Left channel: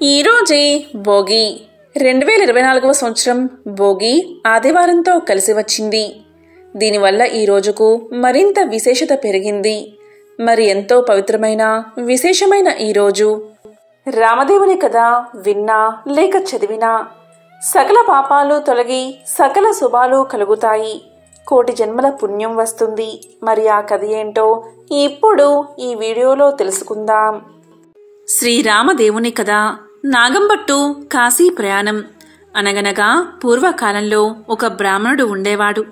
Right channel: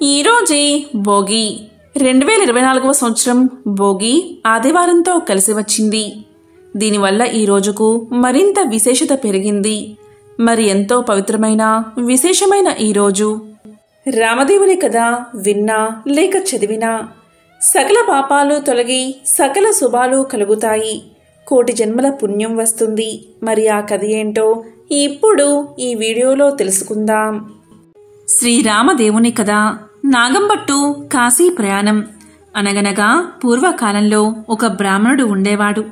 ఈరోజే భోగి 2024వ సంవత్సరం భోగి ఆదివారంతో కలిసి వచ్చింది. దీనివల్ల ఈ రోజుకు మరింత విశేషత పెరిగింది. మరి ఎంతో పవిత్రమైన విశేషమైన ఈరోజు రామదేవుని కథ విన్నా లేక చదివినా సకల పాపాలు తొలగి సకల శుభాలు కలుగుతాయి, కోటి జన్మల పుణ్యం వస్తుంది. మరి ఆ కథ ఏంటో ఇప్పుడు ఈ వీడియోలో తెలుసుకుందాం. శ్రీరామదేవుని కథ. నాగంబట్టు కాశీ ప్రయాణం. అనగనగా పూర్వకాలంలో ఒక బ్రాహ్మణుడు ఉండేవాడు.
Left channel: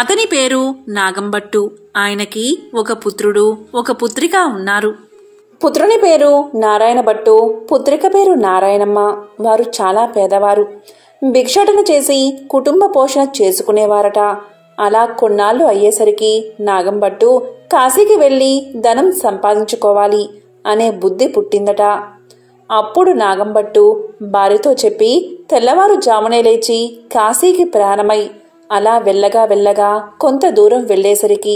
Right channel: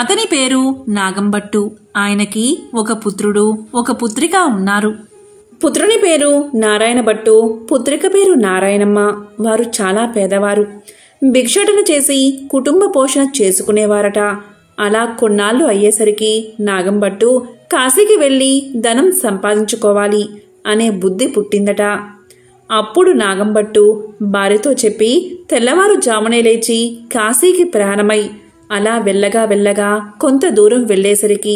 అతని పేరు నాగంబట్టు. ఆయనకి ఒక పుత్రుడు ఒక పుత్రిక ఉన్నారు. పుత్రుని పేరు నారాయణ భట్టు, పుత్రిక పేరు నారాయణమ్మ. వారు చాలా పేదవారు. భిక్షాటన చేసి కుటుంబ పోషణ చేసుకునేవారట. అలా కొన్నాళ్లు అయ్యేసరికి నాగంబట్టు కాశీకి వెళ్లి ధనం సంపాదించుకోవాలి అనే బుద్ధి పుట్టిందట. అప్పుడు నాగంబట్టు భార్యతో చెప్పి తెల్లవారుజామునే లేచి కాశీకి ప్రయాణమై అలా వెళ్ళగా కొంత దూరం వెళ్లేసరికి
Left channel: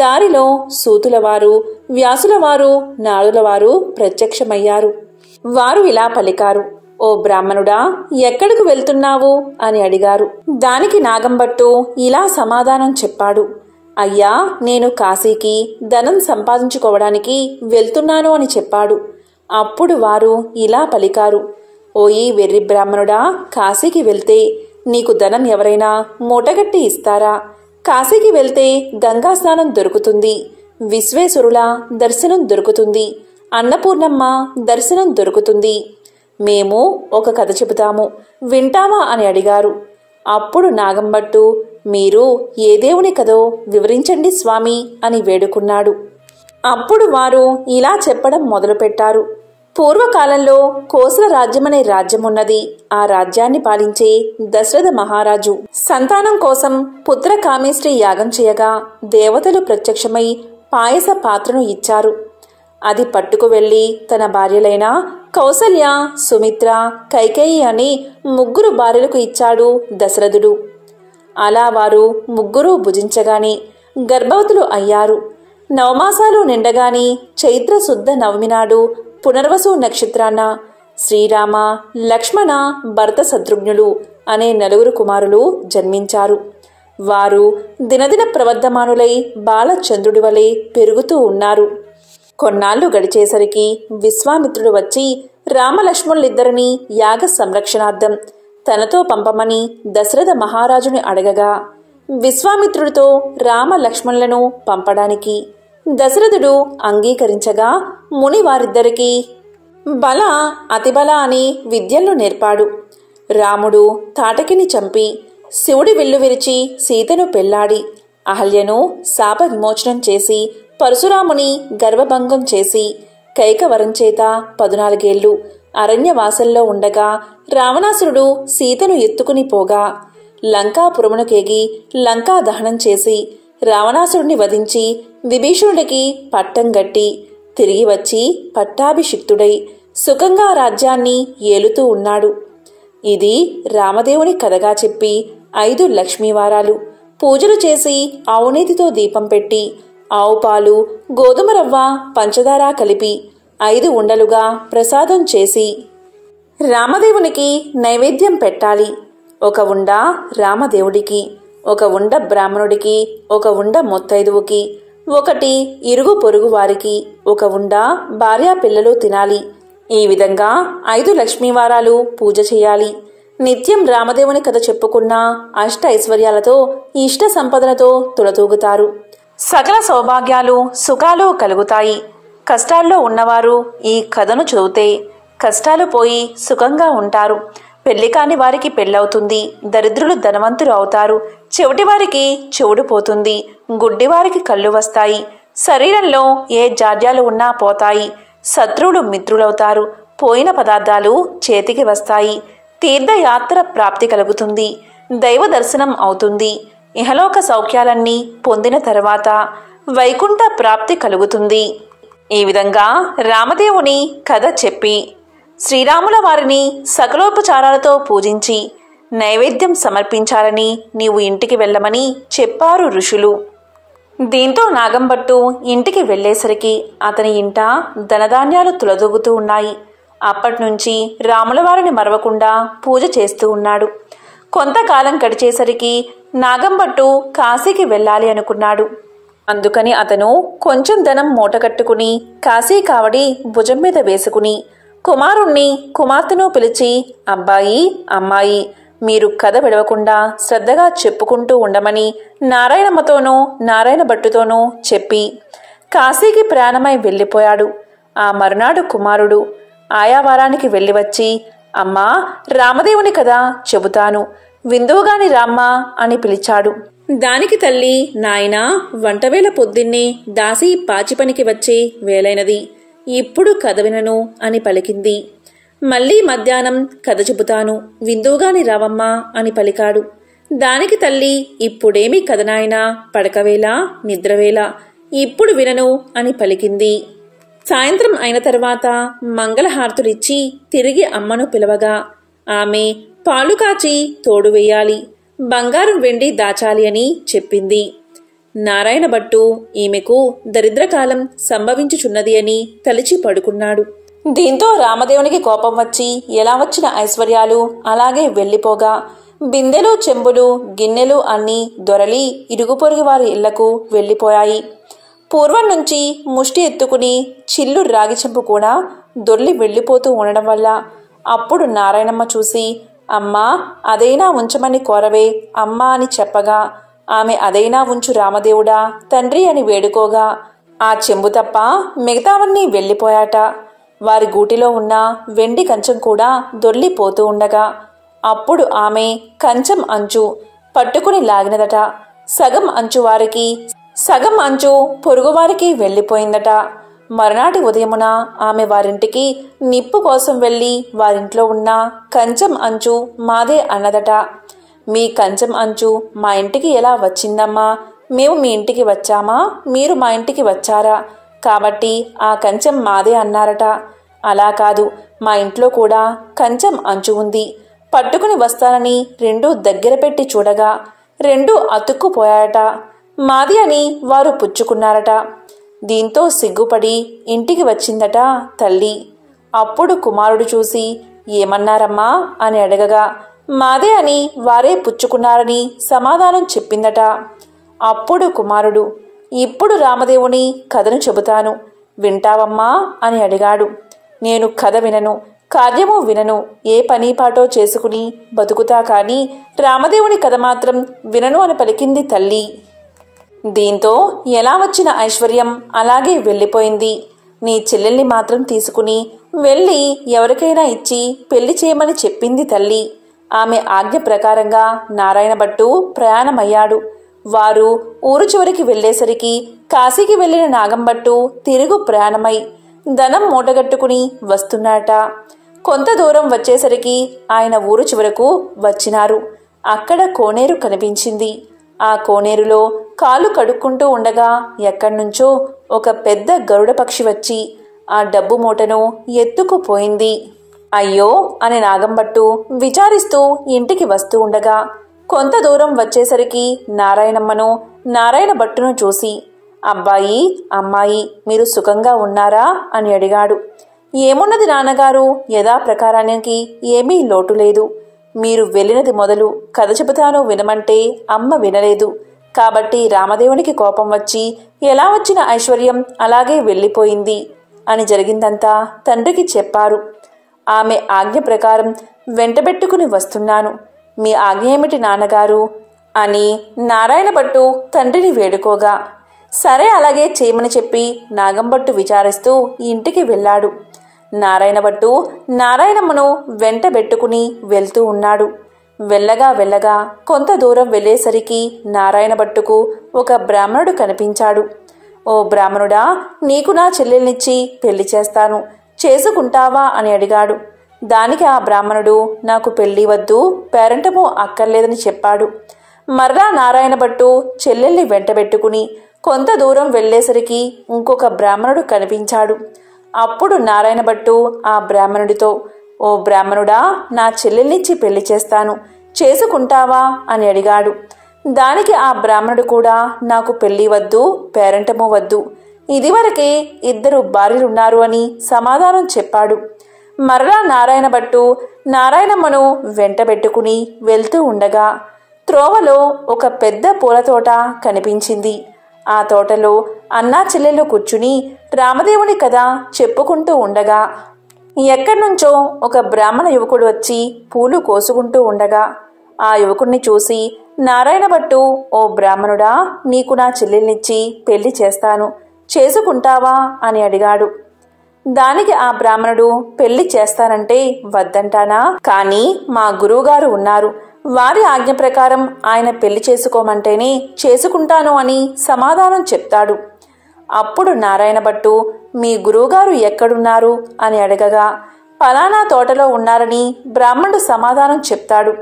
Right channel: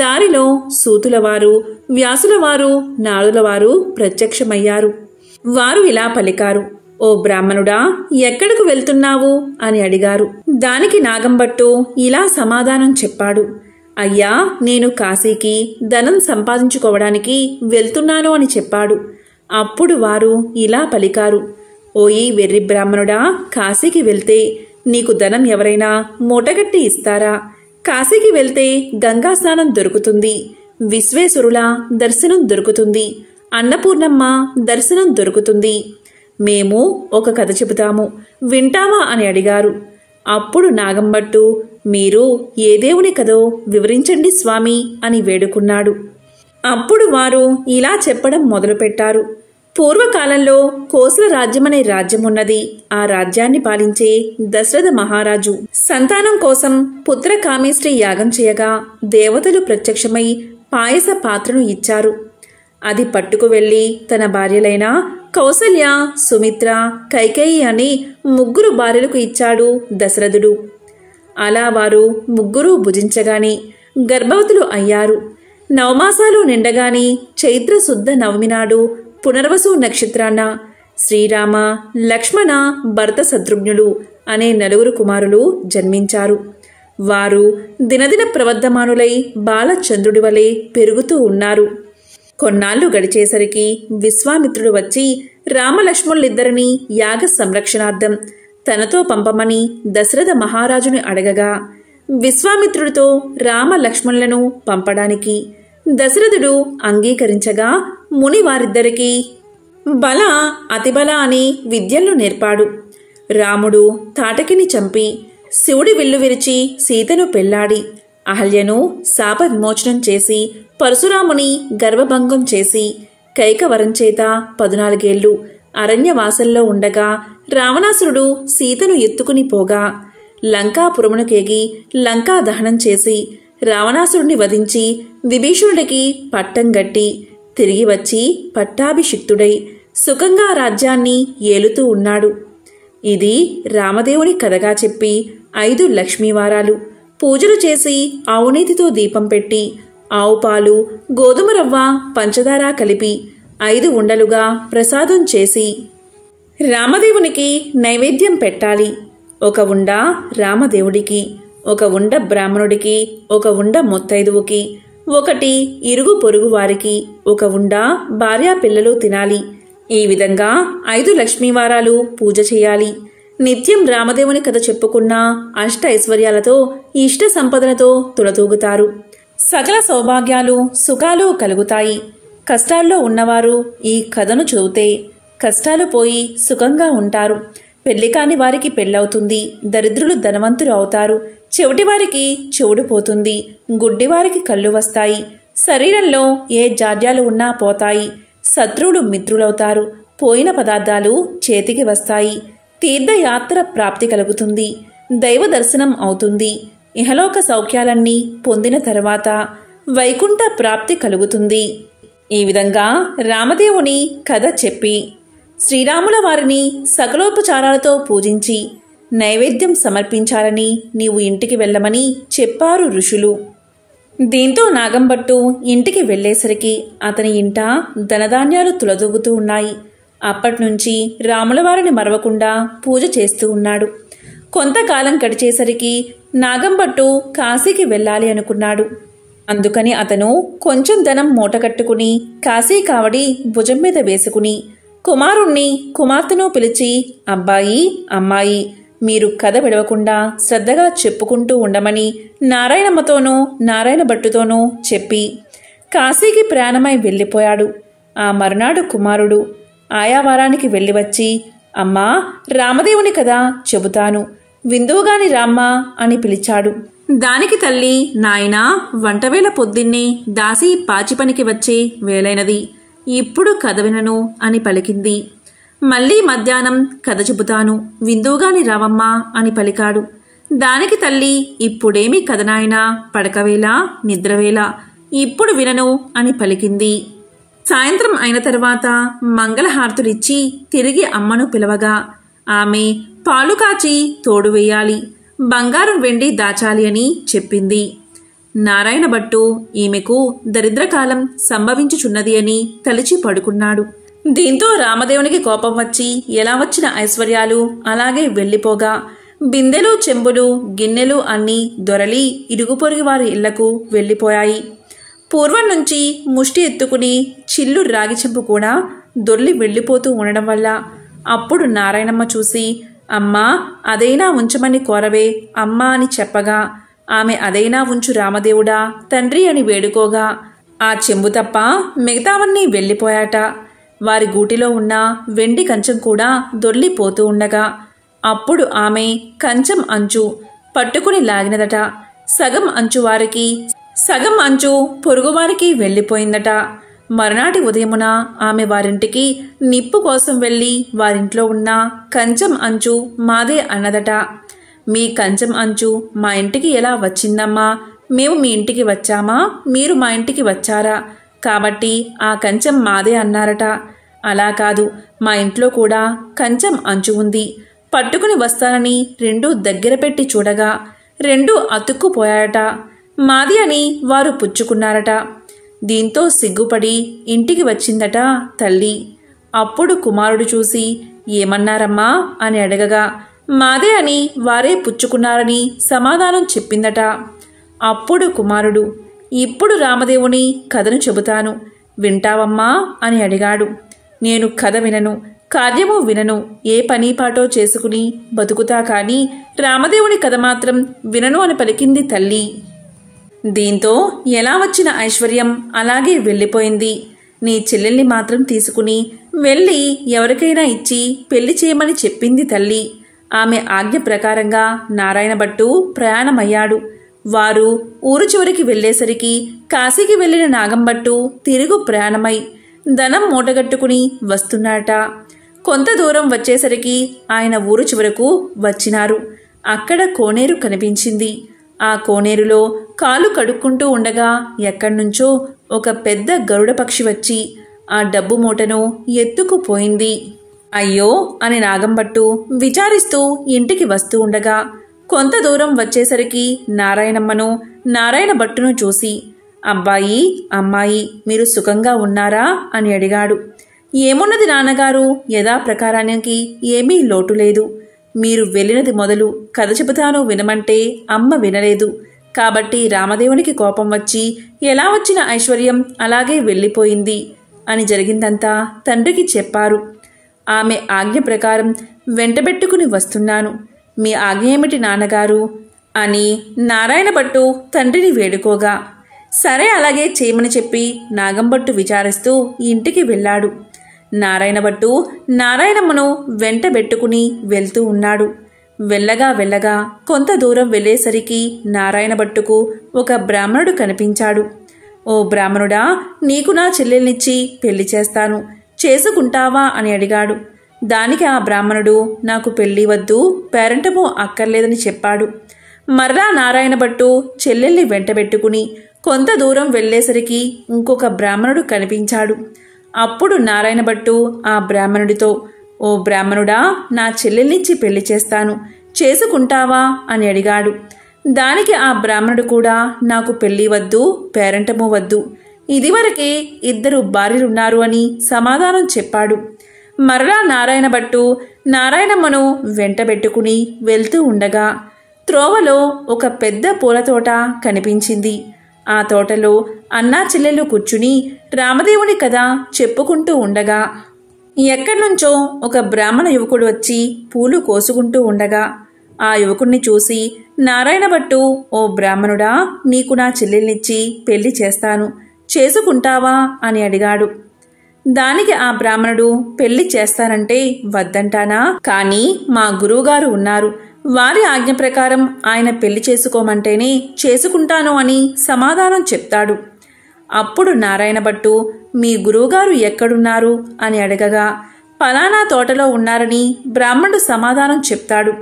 దారిలో సూతులవారు, వ్యాసులవారు, నారులవారు ప్రత్యక్షమయ్యారు. వారు ఇలా పలికారు, ఓ బ్రాహ్మణుడా, ఎక్కడకు వెళ్తున్నావు అని అడిగారు. దానికి నాగంబట్టు ఇలా సమాధానం చెప్పాడు, అయ్యా, నేను కాశీకి ధనం సంపాదించుకోవడానికి వెళ్తున్నాను అని చెప్పాడు. అప్పుడు వారు ఇలా పలికారు, ఓయి వెర్రి బ్రాహ్మణుడా, కాశీకి వెళ్తే నీకు ధనం ఎవరైనా మూటగట్టి ఇస్తారా? కాశీకి వెళ్తే గంగా స్నానం దొరుకుతుంది, విశ్వేశ్వరుల దర్శనం దొరుకుతుంది, అన్నపూర్ణమ్మ దర్శనం దొరుకుతుంది. మేము ఒక కథ చెబుతాము, వింటావా అని అడిగారు. అప్పుడు నాగంబట్టు, మీరు ఏ దేవుని కథో వివరించండి స్వామి అని వేడుకున్నాడు. అప్పుడు వారు ఇలా చెప్పడం మొదలుపెట్టారు. పూర్వకాలంలో కోసల రాజ్యమనే రాజ్యమున్నది. ఆ రాజ్యాన్ని పాలించే దశరథ మహారాజు సంతానం కోసం పుత్ర కామేష్టి యాగం చేయగా దేవతలు ప్రత్యక్షమై పాయస పాత్రను ఇచ్చారు. అది పట్టుకు వెళ్లి తన భార్యలైన కౌసల్య, సుమిత్ర, కైకేయి అని 3 భార్యలకు ఇచ్చాడు దశరథుడు. అలా వారు 3 భుజించగాని గర్భవతులు అయ్యారు. 9 మాసాలు నిండగాని చైత్ర శుద్ధ నవమి నాడు పునర్వసు నక్షత్రాన శ్రీరామ, లక్ష్మణ, భరత శత్రుఘ్నులు అనే 4 కుమారులు జన్మించారు. వారు దినదిన ప్రవర్ధమానులై బాలచంద్రుడి వలె పెరుగుతూ ఉన్నారు. కొన్నాళ్లు గడిచేసరికి విశ్వామిత్రుడు వచ్చి రామలక్ష్మణులిద్దరినీ యాగ సంరక్షణార్థం తనతో పంపమని దశరథ మహారాజుని అడగగా విశ్వామిత్రుడితో రామలక్ష్మణులను పంపడానికి దశరథుడు అంగీకరించగా ముని వారిద్దరికీ బల, అతిబల అని విద్యలను నేర్పాడు. రాముడు తాటకిని చంపి శివుడి విల్లు విరిచి సీతను పెళ్లాడి అహల్యను శాప విమోచనం చేసి పరశురాముని గర్భభంగం చేసి కైకవరం చేత 14 ఏళ్లు అరణ్యవాసంలో ఉండగా రావణాసురుడు సీతను ఎత్తుకుని పోగా లంకాపురమునకేగి లంకా దహనం చేసి రావణాసురుడిని వధించి విభీషణుడికి పట్టం గట్టి తిరిగి వచ్చి పట్టాభిషిక్తుడై సుఖంగా రాజ్యాన్ని ఏలుతూ ఉన్నాడు. ఇది రామదేవుని కథగా చెప్పి 5 లక్ష్మీవారాలు పూజలు చేసి ఆవునేతితో దీపం పెట్టి ఆవు పాలు, గోధుమ రవ్వ, పంచదార కలిపి 5 ఉండలుగా ప్రసాదం చేసి రామదేవునికి నైవేద్యం పెట్టాలి. ఒక ఉండ రామదేవుడికి, ఒక ఉండ బ్రాహ్మణుడికి, ఒక ఉండ మొత్తైదువుకి, ఒకటి ఇరుగు పొరుగు వారికి, ఒక ఉండ భార్యా పిల్లలు తినాలి. ఈ విధంగా 5 లక్ష్మీవారాలు పూజ చేయాలి. నిత్యం రామదేవుని కథ చెప్పుకున్న అష్ట ఐశ్వర్యాలతో ఇష్ట సంపదలతో తులతూగుతారు. సకల సౌభాగ్యాలు సుఖాలు కలుగుతాయి. కష్టాల్లో ఉన్నవారు ఈ కథను చదివితే కష్టాలు పోయి సుఖంగా ఉంటారు. పెళ్లి కాని వారికి పెళ్ళవుతుంది. దరిద్రులు ధనవంతులు అవుతారు. చెవిటి వారికి చెవుడు పోతుంది. గుడ్డివారికి కళ్ళు వస్తాయి. శరీరంలో ఏ జాడ్యాలు ఉన్నా పోతాయి. శత్రువులు మిత్రులవుతారు. పోయిన పదార్థాలు చేతికి వస్తాయి. తీర్థయాత్ర ప్రాప్తి కలుగుతుంది. దైవ దర్శనం అవుతుంది. ఇహలోక సౌఖ్యాలన్నీ పొందిన తర్వాత వైకుంఠ ప్రాప్తి కలుగుతుంది. ఈ విధంగా రామదేవుని కథ చెప్పి శ్రీరాముల వారిని సకలోపచారాలతో పూజించి నైవేద్యం సమర్పించాలని నీవు ఇంటికి వెళ్ళమని చెప్పారు ఋషులు. దీంతో నాగంబట్టు ఇంటికి వెళ్లేసరికి అతని ఇంట ధనధాన్యాలు తులదూగుతూ ఉన్నాయి. అప్పటినుంచి రాములవారిని మరవకుండా పూజ చేస్తూ ఉన్నాడు. కొంతకాలం గడిచేసరికి నాగంభట్టు కాశీకి వెళ్ళాలి అనుకున్నాడు. అందుకని అతను కొంచెం ధనం మూటగట్టుకుని కాశీ కావడి భుజం మీద వేసుకుని కుమారుణ్ణి కుమార్తెను పిలిచి, అబ్బాయి అమ్మాయి, మీరు కథ విడవకుండా శ్రద్ధగా చెప్పుకుంటూ ఉండమని నారాయణమ్మతోనూ నారాయణ భట్టుతోనూ చెప్పి కాశీకి ప్రయాణమై వెళ్ళిపోయాడు. ఆ మరునాడు కుమారుడు ఆయా వారానికి వెళ్ళి వచ్చి, అమ్మా రామదేవుని కథ చెబుతాను, విందువుగాని రామ్మా అని పిలిచాడు. దానికి తల్లి, నాయనా వంటవేళ పొద్దున్నే దాసి పాచి పనికి వచ్చే వేలైనది, ఇప్పుడు కథ వినను అని పలికింది. మళ్ళీ మధ్యాహ్నం కథ చెబుతాను, విందువుగాని రావమ్మా అని పలికాడు. దానికి తల్లి, ఇప్పుడేమి కథ నాయనా, పడకవేళ నిద్రవేళ, ఇప్పుడు వినను అని పలికింది. సాయంత్రం అయిన తర్వాత మంగళహారతులిచ్చి తిరిగి అమ్మను పిలవగా ఆమె పాలు కాచి తోడు వేయాలి, బంగారం వెండి దాచాలి అని చెప్పింది. నారాయణ భట్టు ఈమెకు దరిద్రకాలం సంభవించుచున్నది అని తలిచి పడుకున్నాడు. దీంతో రామదేవునికి కోపం వచ్చి ఎలా వచ్చిన ఐశ్వర్యాలు అలాగే వెళ్లిపోగా బిందెలు చెంబులు గిన్నెలు అన్నీ దొరలి ఇరుగు పొరుగు వారి ఇళ్లకు వెళ్లిపోయాయి. పూర్వం నుంచి ముష్టి ఎత్తుకుని చిల్లు రాగి చెంపు కూడా దొర్లి వెళ్లిపోతూ ఉండడం వల్ల అప్పుడు నారాయణమ్మ చూసి, అమ్మా అదైనా ఉంచమని కోరవే అమ్మా అని చెప్పగా ఆమె అదైనా ఉంచు రామదేవుడా తండ్రి అని వేడుకోగా ఆ చెంబు తప్ప మిగతావన్నీ వెళ్లిపోయాట. వారి గూటిలో ఉన్న వెండి కంచం కూడా దొర్లిపోతూ ఉండగా అప్పుడు ఆమె కంచం అంచు పట్టుకుని లాగినదట. సగం అంచు వారికి, సగం అంచు పొరుగువారికి వెళ్లిపోయిందట. మరునాటి ఉదయమున ఆమె వారింటికి నిప్పు కోసం వెళ్లి వారింట్లో ఉన్న కంచం అంచు మాదే అన్నదట. మీ కంచం అంచు మా ఇంటికి ఎలా వచ్చిందమ్మా? మేము మీ ఇంటికి వచ్చామా, మీరు మా ఇంటికి వచ్చారా, కాబట్టి ఆ కంచం మాదే అన్నారట. అలా కాదు, మా ఇంట్లో కూడా కంచం అంచు ఉంది, పట్టుకుని వస్తానని రెండూ దగ్గర పెట్టి చూడగా రెండూ అతుక్కుపోయాయట. మాది అని వారు పుచ్చుకున్నారట. దీంతో సిగ్గుపడి ఇంటికి వచ్చిందట తల్లి. అప్పుడు కుమారుడు చూసి, ఏమన్నారమ్మా అని అడగగా మాదే అని వారే పుచ్చుకున్నారని సమాధానం చెప్పిందట. అప్పుడు కుమారుడు, ఇప్పుడు రామదేవుని కథను చెబుతాను, వింటావమ్మా అని అడిగాడు. నేను కథ వినను, కార్యము వినను, ఏ పని పాటో చేసుకుని బతుకుతా కాని రామదేవుని కథ మాత్రం వినను అని పలికింది తల్లి. దీంతో ఎలా వచ్చిన ఐశ్వర్యం అలాగే వెళ్ళిపోయింది. నీ చెల్లెల్ని మాత్రం తీసుకుని వెళ్ళి ఎవరికైనా ఇచ్చి పెళ్లి చేయమని చెప్పింది తల్లి. ఆమె ఆజ్ఞ ప్రకారంగా నారాయణ భట్టు ప్రయాణమయ్యాడు. వారు ఊరు చివరికి వెళ్లేసరికి కాశీకి వెళ్లిన నాగంభట్టు తిరుగు ప్రయాణమై ధనం మూటగట్టుకుని వస్తున్నాట. కొంత దూరం వచ్చేసరికి ఆయన ఊరు చివరకు వచ్చినారు. అక్కడ కోనేరు కనిపించింది. ఆ కోనేరులో కాలు కడుక్కుంటూ ఉండగా ఎక్కడ్నుంచో ఒక పెద్ద గరుడ పక్షి వచ్చి ఆ డబ్బు మూటను ఎత్తుకుపోయింది. అయ్యో అని నాగంభట్టు విచారిస్తూ ఇంటికి వస్తూ ఉండగా కొంత దూరం వచ్చేసరికి నారాయణమ్మను నారాయణ భట్టును చూసి, అబ్బాయి అమ్మాయి మీరు సుఖంగా ఉన్నారా అని అడిగాడు. ఏమున్నది నాన్నగారు, యథాప్రకారానికి ఏమీ లోటు లేదు. మీరు వెళ్ళినది మొదలు కథ చెబుతాను వినమంటే అమ్మ వినలేదు, కాబట్టి రామదేవునికి కోపం వచ్చి ఎలా వచ్చిన ఐశ్వర్యం అలాగే వెళ్ళిపోయింది అని జరిగిందంతా తండ్రికి చెప్పారు. ఆమె ఆజ్ఞ ప్రకారం వెంటబెట్టుకుని వస్తున్నాను, మీ ఆజ్ఞ ఏమిటి నాన్నగారు అని నారాయణ భట్టు తండ్రిని వేడుకోగా సరే అలాగే చేయమని చెప్పి నాగంభట్టు విచారిస్తూ ఇంటికి వెళ్ళాడు. నారాయణ భట్టు నారాయణమ్మను వెంటబెట్టుకుని వెళ్తూ ఉన్నాడు. వెళ్ళగా వెళ్ళగా కొంత దూరం వెళ్ళేసరికి నారాయణ భట్టుకు ఒక బ్రాహ్మణుడు కనిపించాడు. ఓ బ్రాహ్మణుడా, నీకు నా చెల్లెల్నిచ్చి పెళ్లి చేస్తాను, చేసుకుంటావా అని అడిగాడు. దానికి ఆ బ్రాహ్మణుడు, నాకు పెళ్లి వద్దు, పేరంటము అక్కర్లేదని చెప్పాడు. మర్రా నారాయణ భట్టు చెల్లెల్ని వెంటబెట్టుకుని కొంత దూరం వెళ్ళేసరికి ఇంకొక బ్రాహ్మణుడు కనిపించాడు. అప్పుడు నారాయణ భట్టు ఆ బ్రాహ్మణుడితో, ఓ బ్రాహ్మణుడా, నా చెల్లెల్నిచ్చి పెళ్లి చేస్తాను, చేసుకుంటావా అని అడిగాడు. దానికి ఆ బ్రాహ్మణుడు కూడా, నాకు పెళ్లి వద్దు, పేరంటము వద్దు, ఇదివరకే 2 భార్యలున్నారు అని సమాధానం చెప్పాడు. మరలా నారాయణ భట్టు నారాయణమ్మను వెంటబెట్టుకుని వెళ్తూ ఉండగా త్రోవలో ఒక పెద్ద పూలతోట కనిపించింది. ఆ తోటలో అన్నా చెల్లెలు కూర్చుని రామదేవుని కథ చెప్పుకుంటూ ఉండగా ఎక్కడ్నుంచో ఒక బ్రాహ్మణ యువకుడు వచ్చి పూలు కోసుకుంటూ ఉండగా ఆ యువకుణ్ణి చూసి నారాయణ భట్టు, ఓ బ్రాహ్మణుడా, నీకు నా చెల్లెల్నిచ్చి పెళ్లి చేస్తాను, చేసుకుంటావా అని అడిగాడు. దానికి ఆ బ్రాహ్మణుడు, పెళ్లి చేస్తానంటే వద్దంటానా, కానీ మా గురువుగారు ఉన్నారు, వారి ఆజ్ఞ ప్రకారం ఆయన పెళ్లి చేసుకోమంటేనే చేసుకుంటాను అని సమాధానం చెప్తాడు. అప్పుడు నారాయణ భట్టు, మీ గురువుగారు ఎక్కడున్నారు అని అడగగా పలానా తోటలో ఉన్నారని బ్రాహ్మణుడు సమాధానం చెప్తాడు.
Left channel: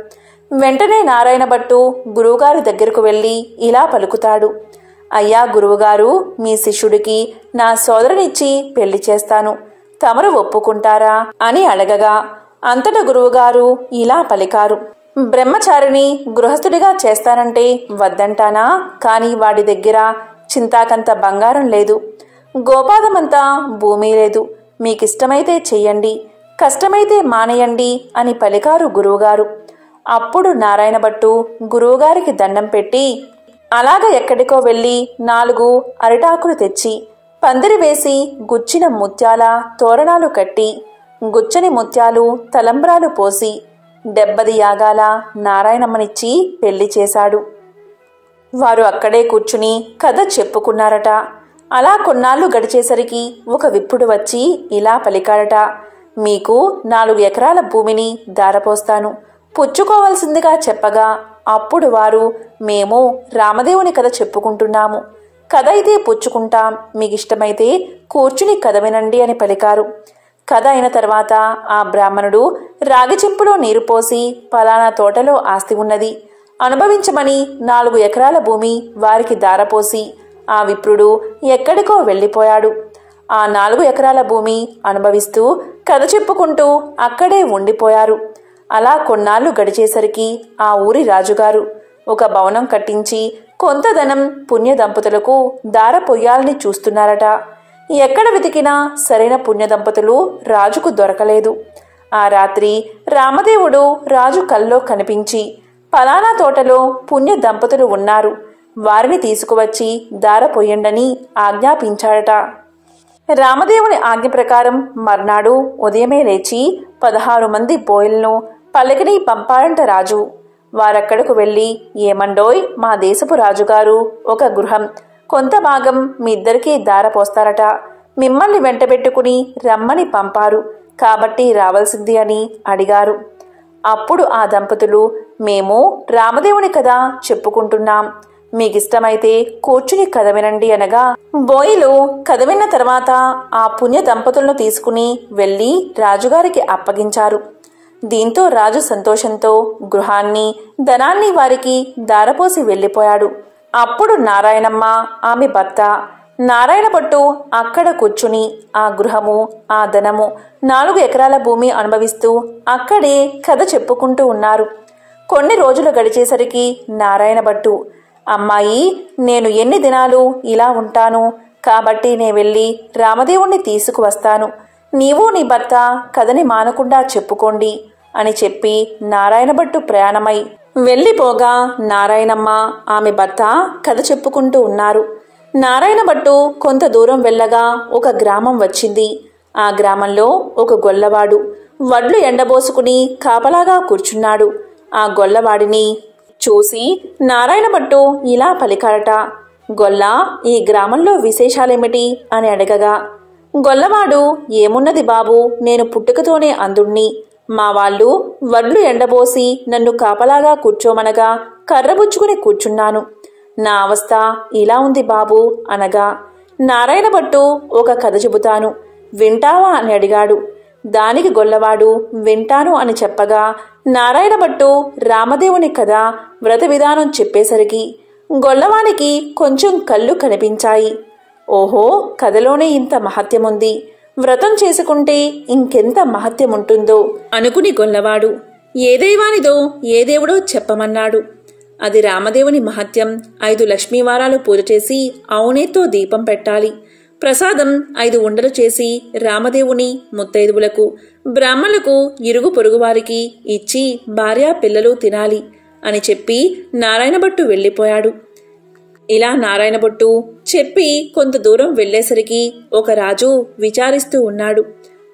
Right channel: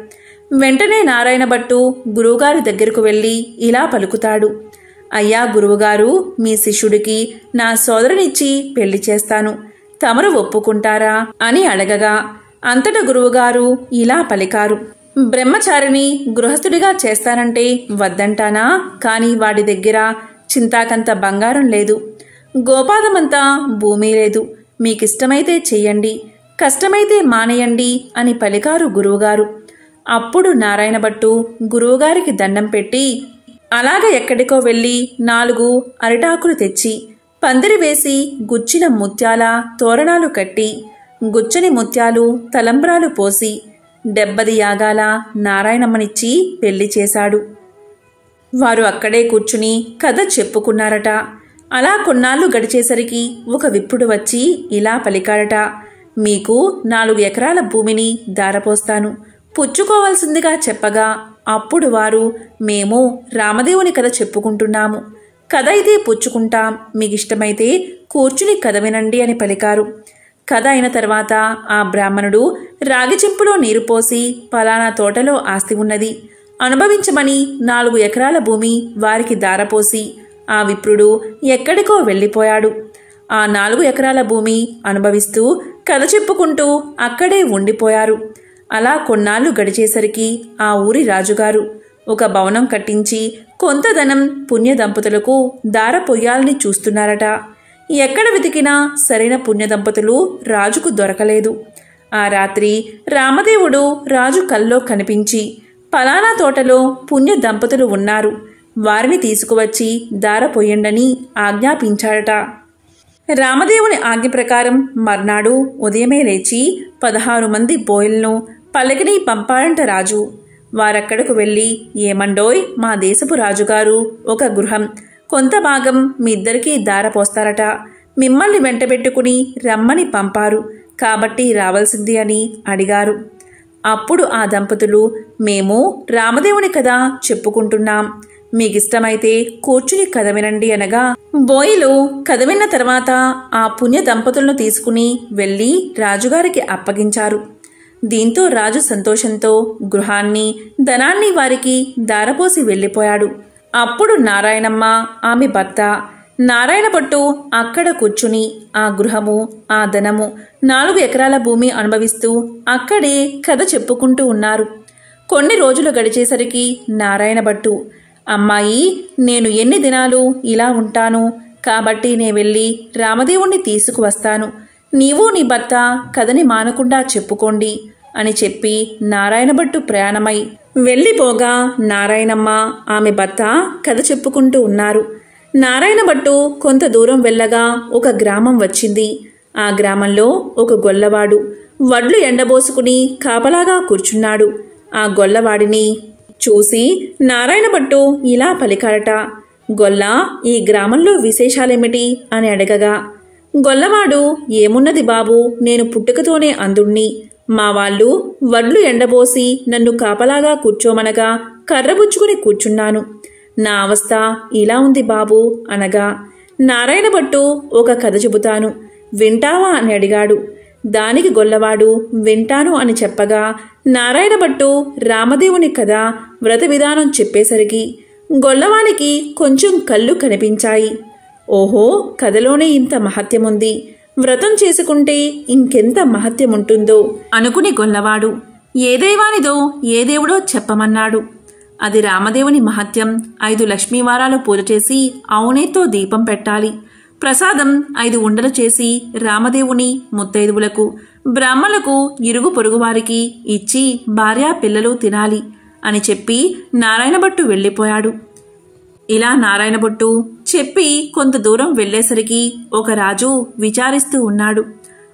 వెంటనే నారాయణ భట్టు గురువుగారి దగ్గరకు వెళ్ళి ఇలా పలుకుతాడు, అయ్యా గురువుగారు, మీ శిష్యుడికి నా సోదరునిచ్చి పెళ్లి చేస్తాను, తమరు ఒప్పుకుంటారా అని అడగగా అంతటా గురువుగారు ఇలా పలికారు, బ్రహ్మచారిని గృహస్థుడిగా చేస్తానంటే వద్దంటానా, కానీ వాడి దగ్గర చింతాకంత బంగారం లేదు, గోపాదమంతా భూమి లేదు, మీకిష్టమైతే చెయ్యండి, కష్టమైతే మానేయండి అని పలికారు గురువుగారు. అప్పుడు నారాయణ భట్టు గురువుగారికి దండం పెట్టి అలాగ ఎక్కడికో వెళ్ళి 4 అరిటాకులు తెచ్చి పందిరి వేసి గుచ్చిన ముత్యాల తోరణాలు కట్టి గుచ్చని ముత్యాలు తలంబ్రాలు పోసి 70 యాగాల నారాయణమ్మనిచ్చి పెళ్లి చేశాడు. వారు అక్కడే కూర్చుని కథ చెప్పుకున్నారట. అలా కొన్నాళ్లు గడిచేసరికి ఒక విప్రుడు వచ్చి ఇలా పలికాడట, మీకు 4 ఎకరాల భూమిని దారపోస్తాను, పుచ్చుకోవలసిందిగా చెప్పగా అప్పుడు వారు, మేము రామదేవుని కథ చెప్పుకుంటున్నాము, కథ అయితే పుచ్చుకుంటాం, మీకిష్టమైతే కూర్చుని కథ వినండి అని పలికారు. కథ అయిన తర్వాత ఆ బ్రాహ్మణుడు రాగి చెంపులో నీరు పోసి పలానా తోటలో ఆస్తి ఉన్నది, అనుభవించమని 4 ఎకరాల భూమి వారికి దారపోసి ఆ విప్రుడు ఎక్కడికో వెళ్ళిపోయాడు. ఆ 4 ఎకరాల భూమి అనుభవిస్తూ కథ చెప్పుకుంటూ అక్కడే ఉండిపోయారు. అలా కొన్నాళ్లు గడిచేసరికి ఆ ఊరి రాజుగారు ఒక భవనం కట్టించి కొంత ధనం పుణ్య దంపతులకు దారపోయాలని చూస్తున్నారట. ఎక్కడ వెతికినా సరైన పుణ్య దంపతులు రాజుకు దొరకలేదు. ఆ రాత్రి రామదేవుడు రాజు కల్లో కనిపించి, పలానా తోటలో పుణ్య దంపతులు ఉన్నారు, వారిని తీసుకువచ్చి దారపోయండని ఆజ్ఞాపించాడట. రామదేవుని ఆజ్ఞ ప్రకారం మర్నాడు ఉదయమే లేచి 16 మంది బోయలను పల్లకిని పంపాడంట రాజు. వారక్కడకు వెళ్ళి, ఏమండోయ్, మా దేశపు రాజుగారు ఒక గృహం కొంత భాగం మీ ఇద్దరికీ దారపోస్తారట, మిమ్మల్ని వెంటబెట్టుకుని రమ్మని పంపారు, కాబట్టి రావాల్సింది అని అడిగారు. అప్పుడు ఆ దంపతులు, మేము రామదేవుని కథ చెప్పుకుంటున్నాం, మీకిష్టమైతే కూర్చుని కథ వినండి అనగా బోయిలు కథ విన్న తర్వాత ఆ పుణ్య దంపతులను తీసుకుని వెళ్ళి రాజుగారికి అప్పగించారు. దీంతో రాజు సంతోషంతో గృహాన్ని ధనాన్ని వారికి దారపోసి వెళ్ళిపోయాడు. అప్పుడు నారాయణమ్మ, ఆమె భర్త నారాయణ భట్టు అక్కడ కూర్చుని ఆ గృహము ఆ ధనము 4 ఎకరాల భూమి అనుభవిస్తూ అక్కడే కథ చెప్పుకుంటూ ఉన్నారు. కొన్ని రోజులు గడిచేసరికి నారాయణ భట్టు, అమ్మాయి, నేను ఎన్ని దినాలు ఇలా ఉంటాను, కాబట్టి నే వెళ్ళి రామదేవుణ్ణి తీసుకువస్తాను, నీవు నీ భర్త కథని మానకుండా చెప్పుకోండి అని చెప్పి నారాయణ భట్టు ప్రయాణమై వెళ్ళిపోగా నారాయణమ్మ ఆమె భర్త కథ చెప్పుకుంటూ ఉన్నారు. నారాయణ భట్టు కొంత దూరం వెళ్ళగా ఒక గ్రామం వచ్చింది. ఆ గ్రామంలో ఒక గొల్లవాడు వడ్లు ఎండబోసుకుని కాపలాగా కూర్చున్నాడు. ఆ గొల్లవాడిని చూసి నారాయణ భట్టు ఇలా పలికాడట, గొల్ల, ఈ గ్రామంలో విశేషాలేమిటి అని అడగగా గొల్లవాడు, ఏమున్నది బాబు, నేను పుట్టుకతోనే అందుణ్ణి, మా వాళ్ళు వడ్లు ఎండబోసి నన్ను కాపలాగా కూర్చోమనగా కర్రబుచ్చుకుని కూర్చున్నాను, నా అవస్థ ఇలా ఉంది బాబు అనగా నారాయణ భట్టు ఒక కథ చెబుతాను, వింటావా అని అడిగాడు. దానికి గొల్లవాడు వింటాను అని చెప్పగా నారాయణ భట్టు రామదేవుని కథ వ్రత విధానం చెప్పేసరికి గొల్లవానికి కొంచెం కళ్ళు కనిపించాయి. ఓహో, కథలోనే ఇంత మహత్యముంది, వ్రతం చేసుకుంటే ఇంకెంత మహత్యముంటుందో అనుకుని గొల్లవాడు ఏ దైవానిదో ఏ దేవుడో చెప్పమన్నాడు. అది రామదేవుని మహత్యం. 5 లక్ష్మీవారాలు పూజ చేసి అవునేతో దీపం పెట్టాలి, ప్రసాదం 5 ఉండలు చేసి రామదేవుని ముత్తైదువులకు బ్రాహ్మణులకు ఇరుగు పొరుగువారికి ఇచ్చి భార్యా పిల్లలు తినాలి అని చెప్పి నారాయణభట్టు వెళ్ళిపోయాడు. ఇలా నారాయణభట్టు చెప్పి కొంత దూరం వెళ్లేసరికి ఒక రాజు విచారిస్తూ ఉన్నాడు.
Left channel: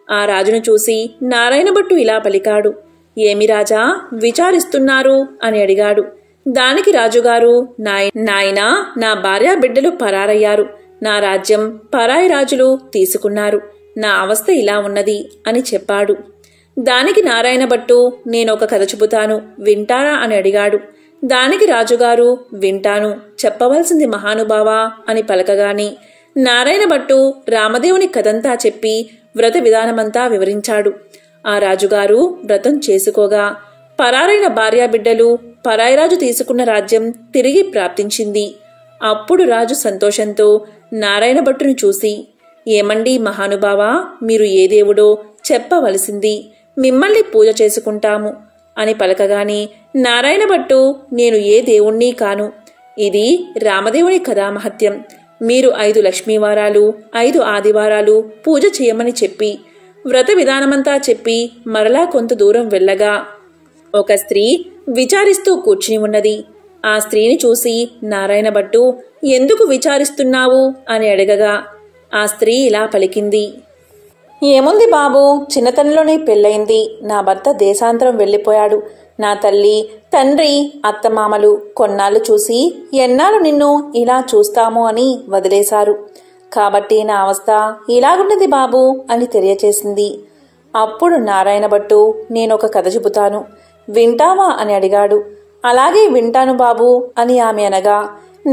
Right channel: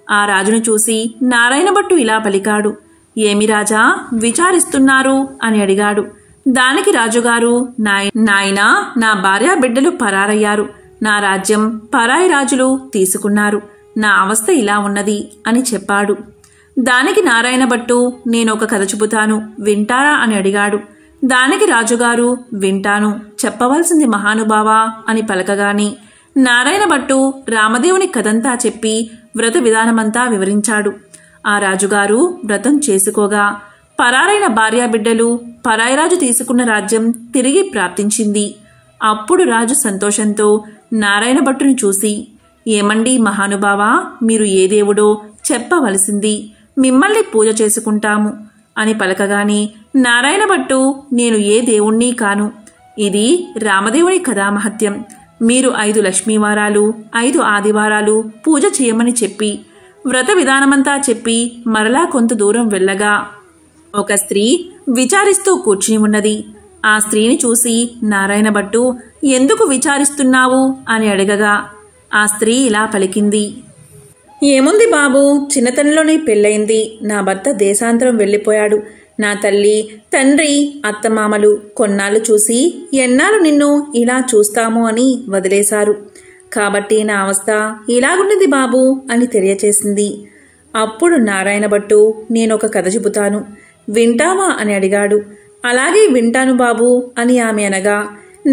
ఆ రాజును చూసి నారాయణభట్టు ఇలా పలికాడు. ఏమి రాజా విచారిస్తున్నారు అని అడిగాడు. దానికి రాజుగారు, నాయనా, నా భార్యా బిడ్డలు పరారయ్యారు, నా రాజ్యం పరాయి రాజులు తీసుకున్నారు, నా అవస్థ ఇలా ఉన్నది అని చెప్పాడు. దానికి నారాయణభట్టు, నేనొక కథ చెబుతాను, వింటారా అని అడిగాడు. దానికి రాజుగారు, వింటాను, చెప్పవలసింది మహానుభావా అని పలకగాని నారాయణభట్టు రామదేవుని కథంతా చెప్పి వ్రత విధానమంతా వివరించాడు. ఆ రాజుగారు వ్రతం చేసుకోగా పరారైన భార్యాబిడ్డలు పరాయిరాజు తీసుకున్న రాజ్యం తిరిగి ప్రాప్తించింది. అప్పుడు రాజు సంతోషంతో నారాయణభట్టును చూసి, ఏమండి మహానుభావా, మీరు ఏ దేవుడో చెప్పవలసింది, మిమ్మల్ని పూజ చేసుకుంటాము అని పలకగాని నారాయణభట్టు, నేను ఏ దేవుణ్ణి కాను, ఇది రామదేవుని కథామహత్యం, మీరు 5 లక్ష్మీవారాలు 5 ఆదివారాలు పూజ చేయమని చెప్పి వ్రత విధానమంతా చెప్పి మరలా కొంత దూరం వెళ్ళగా ఒక స్త్రీ విచారిస్తూ కూర్చుని ఉన్నది. ఆ స్త్రీని చూసి నారాయణభట్టు, ఎందుకు విచారిస్తున్నావు అని అడగగా ఆ స్త్రీ ఇలా పలికింది. ఏముంది బాబు, చిన్నతనంలోనే పెళ్ళయింది, నా భర్త దేశాంతరం వెళ్ళిపోయాడు, నా తల్లి తండ్రి అత్తమామలు కొన్నాళ్ళు చూసి ఎన్నాళ్ళు నిన్ను ఇలా చూస్తాము అని వదిలేశారు, కాబట్టి నా అవస్థ ఇలాగున్నది బాబు అని తెలియచేసింది. అప్పుడు నారాయణభట్టు, నేనొక కథ చెబుతాను, వింటావా అని అడిగాడు. అలాగే వింటాను బాబు అని ఆమె అనగా